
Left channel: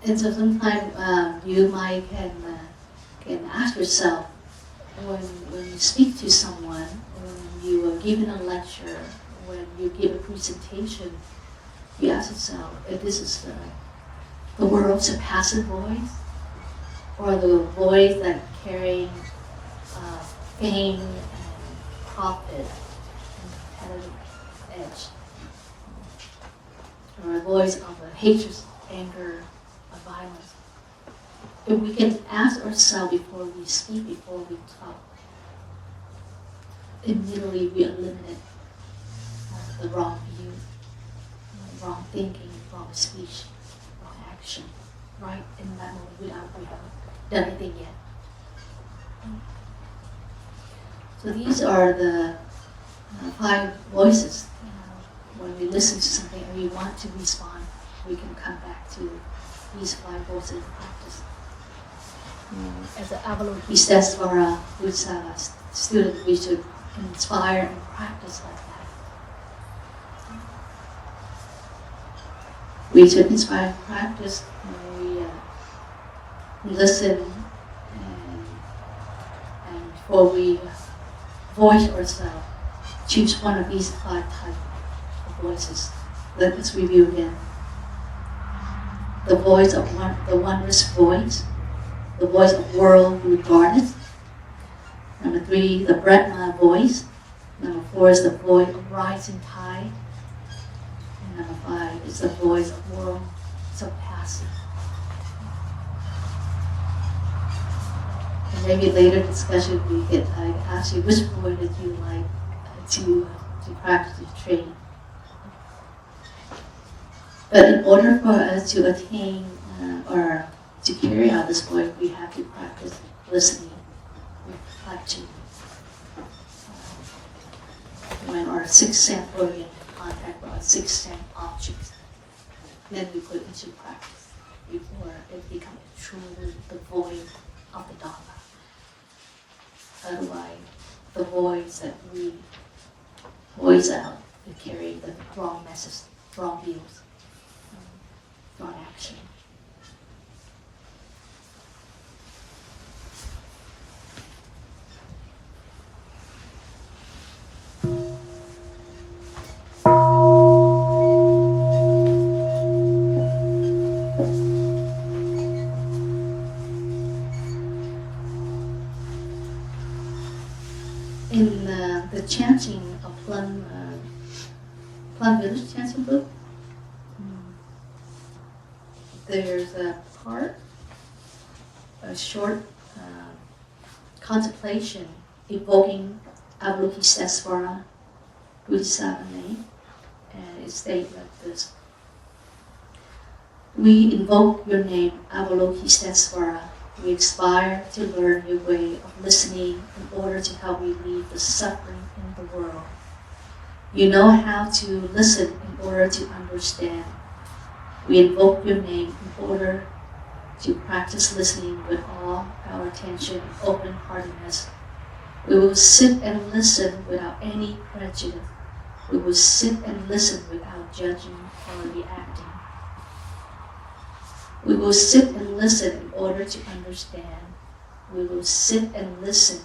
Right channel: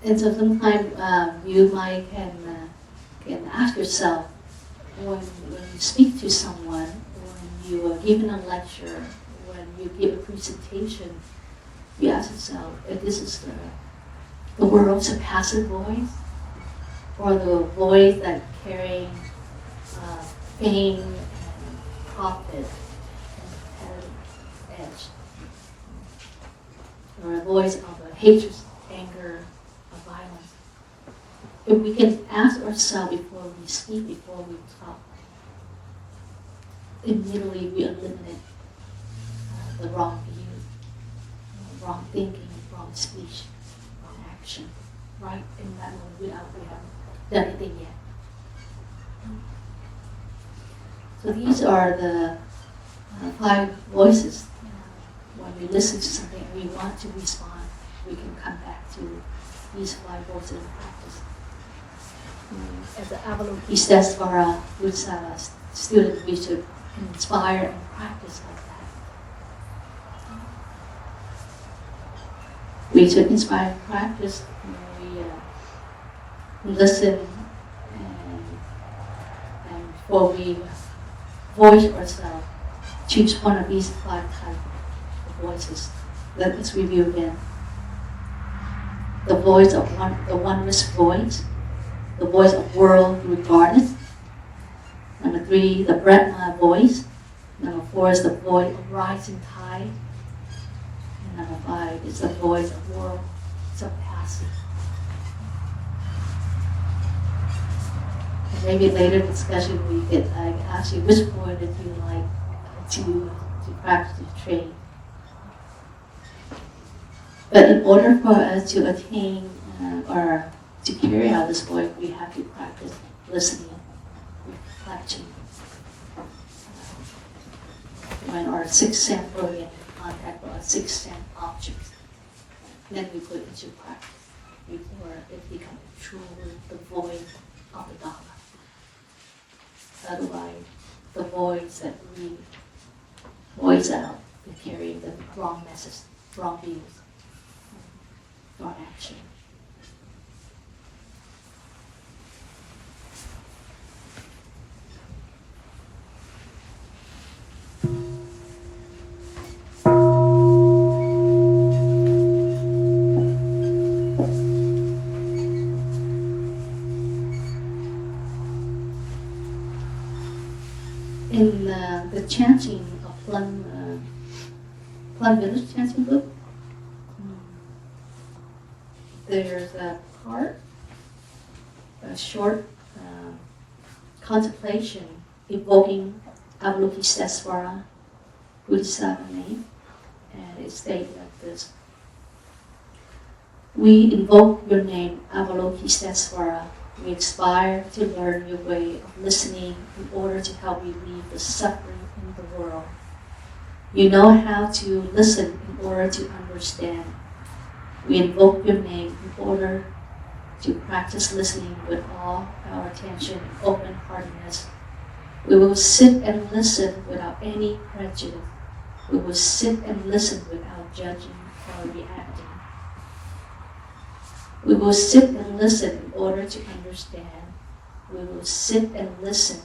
And so sometimes you might can ask yourself, when you speak to someone, when you are giving a lecture, when you give a presentation, you ask yourself if this is the world's passive voice, or the voice that carrying fame and profit and competitive edge. or a voice of hatred, anger, or violence. If we can ask ourselves before we speak, before we talk, immediately we eliminate the wrong view, wrong thinking, wrong speech, wrong action, right in that moment without we haven't done anything yet. So these are the 5 voices. When we listen to something and we want to respond, we can come back to these 5 voices in practice. As an Avalokiteshvara Bodhisattva student, we should inspire and practice like that. We should inspire and practice when we listen and before we voice ourselves, choose one of these 5 types of voices. Let us review them. The voice of the oneness voice, the voice of world regarded. Number 3, the Brahma voice. Number 4 is the voice of rising tide. And number 5 is the voice of world surpassing. And maybe later discussion we could ask you which voice did you like to practice, to train. But in order for us to attain or to carry out this work, we have to practice listening, reflecting. When our 6th sense we're in contact with our 6th sense objects, then we put it into practice before it becomes truly the voice of the Dharma. Otherwise, the voice that we voice out, we carry the wrong message, wrong views, wrong action. In the chanting of Plum Village chanting book, there's a part, a short contemplation invoking Avalokiteshvara Bodhisattva name, and it states like this: We invoke your name, Avalokiteshvara. We aspire to learn your way of listening in order to help relieve the suffering in the world. You know how to listen in order to understand. We invoke your name in order to practice listening with all our attention and open-heartedness. We will sit and listen without any prejudice. We will sit and listen without judging or reacting. We will sit and listen in order to understand. We will sit and listen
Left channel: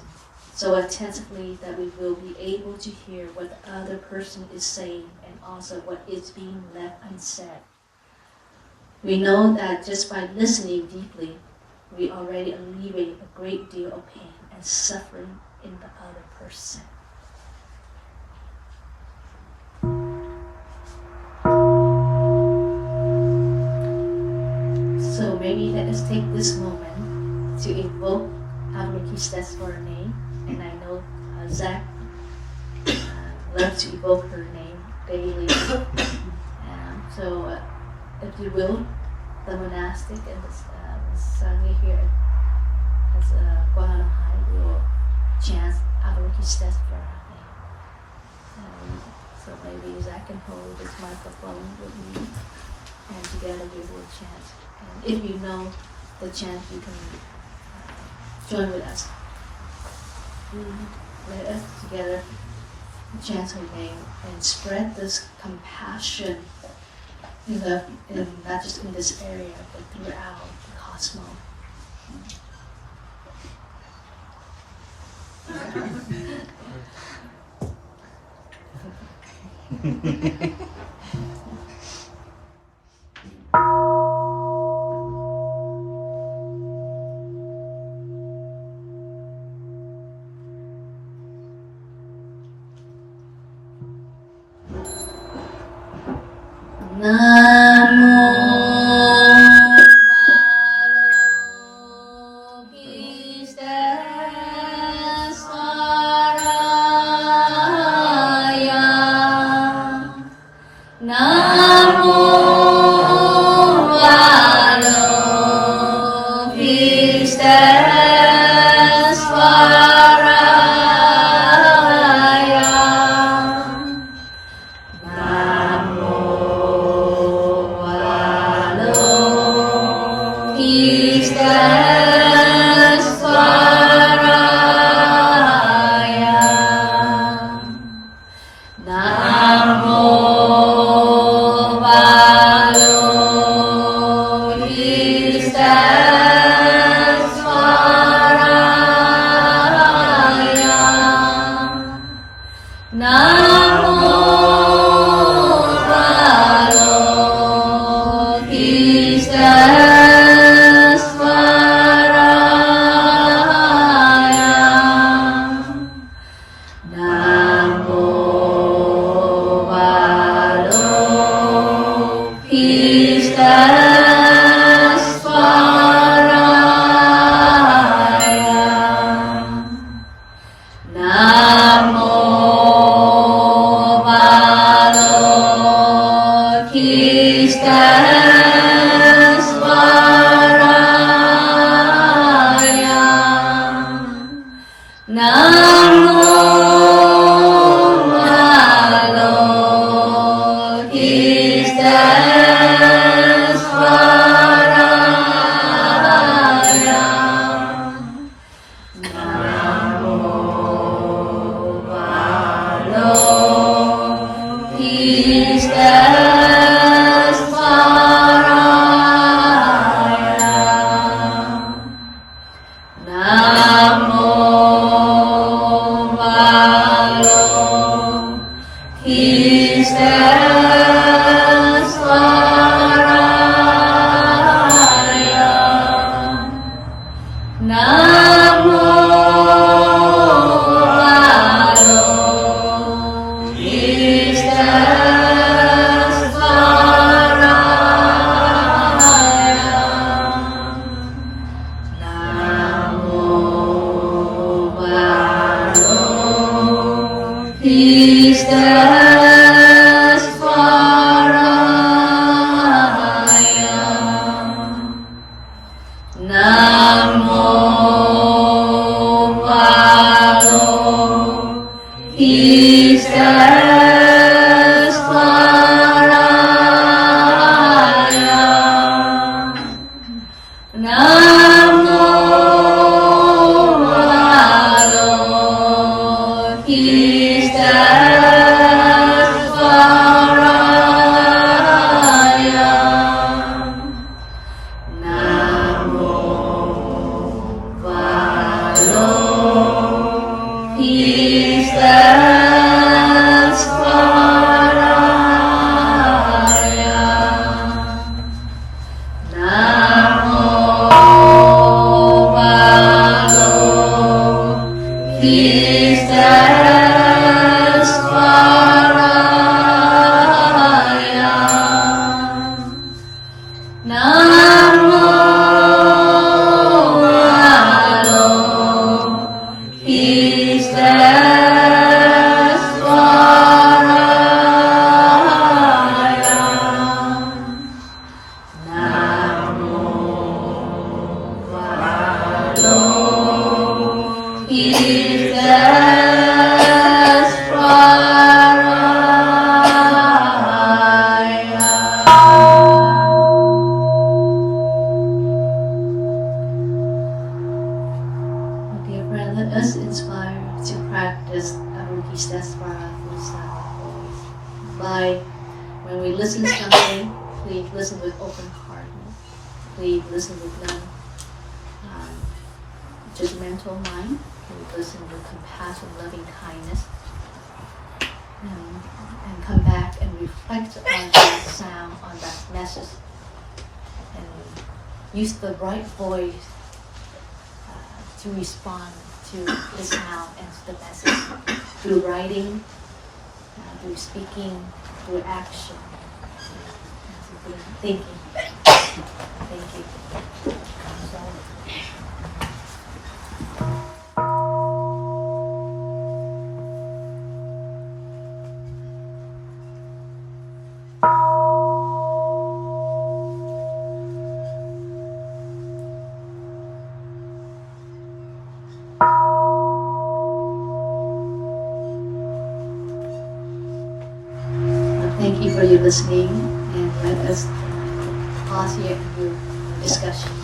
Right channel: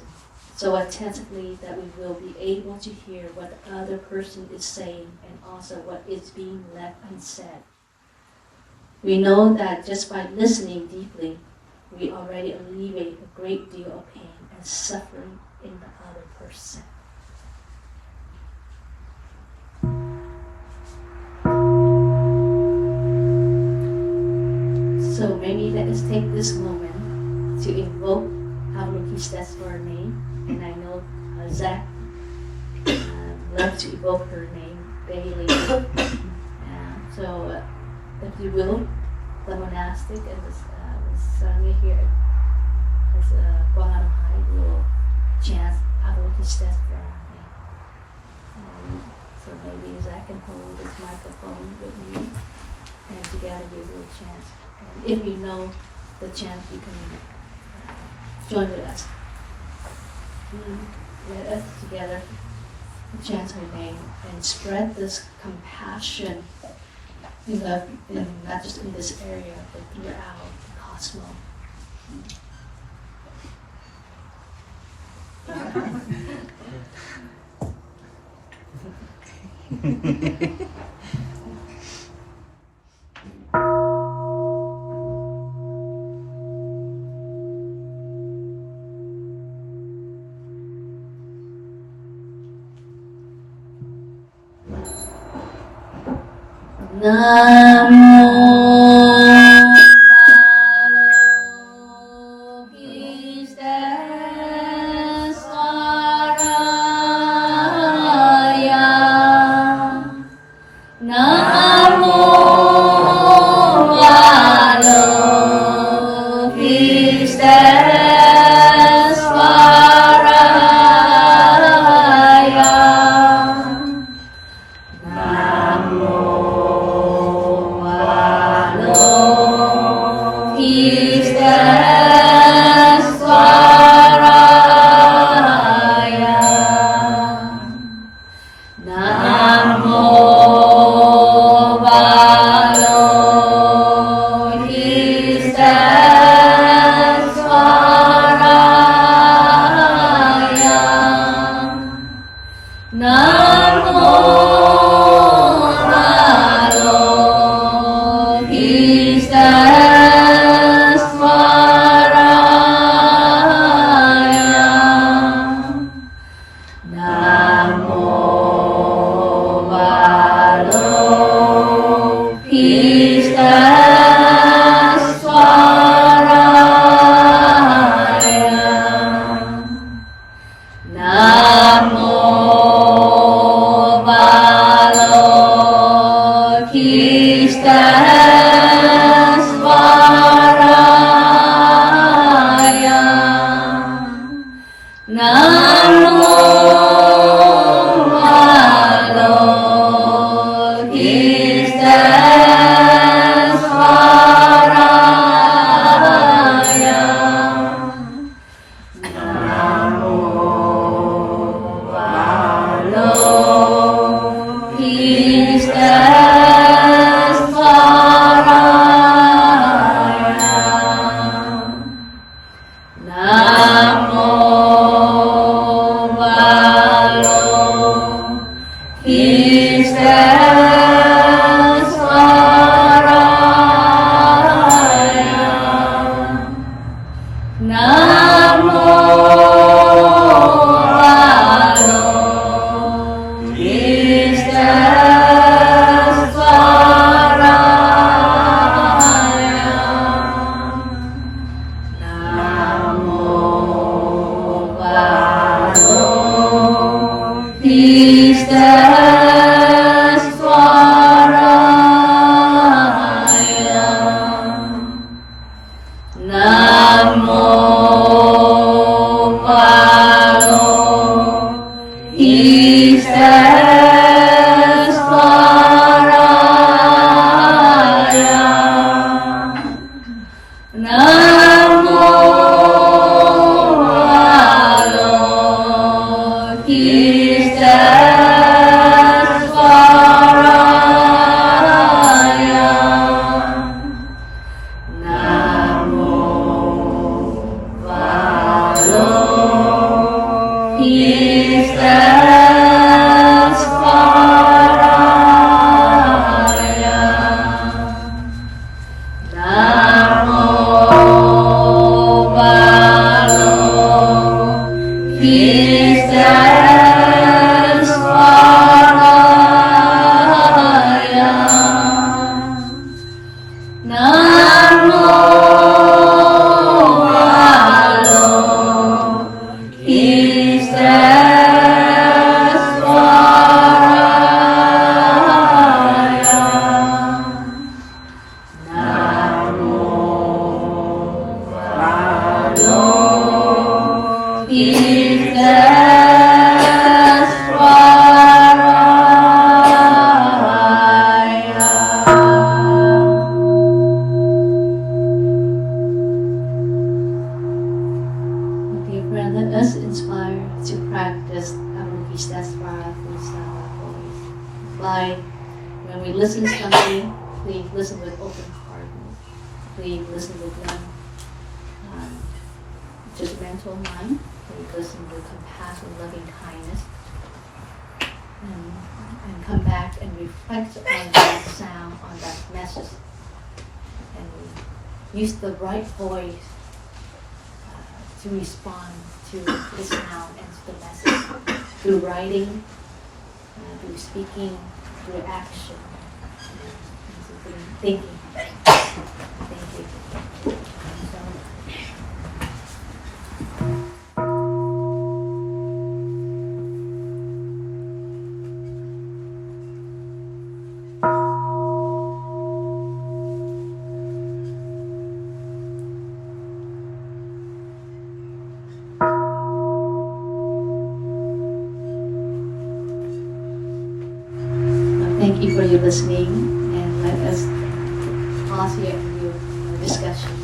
so attentively that we will be able to hear what the other person is saying and also what is being left unsaid. We know that just by listening deeply, we already alleviate a great deal of pain and suffering in the other person. So maybe let us take this moment to invoke Avalokiteshvara name, and I know Zach loves to evoke her name daily. So if you will, the monastic and the Sangha here as Quan will chant Avalokiteshvara name. So maybe Zach can hold this microphone with me, and together we will chant. And if you know the chant, you can join with us. Let us together chant her name and spread this compassion in not just in this area, but throughout the cosmos. Avalokiteshvara Bodhisattva always. By when we listen to something, please listen with open heartedness. Please listen with no judgmental mind. Please listen with compassion, loving kindness, and come back and reflect on that sound, on that message, and use the right voice to respond to the sound and to the message through writing, through speaking, through action. confident thinking. Thank you. Thank you for your listening, and let us pause here and do a discussion.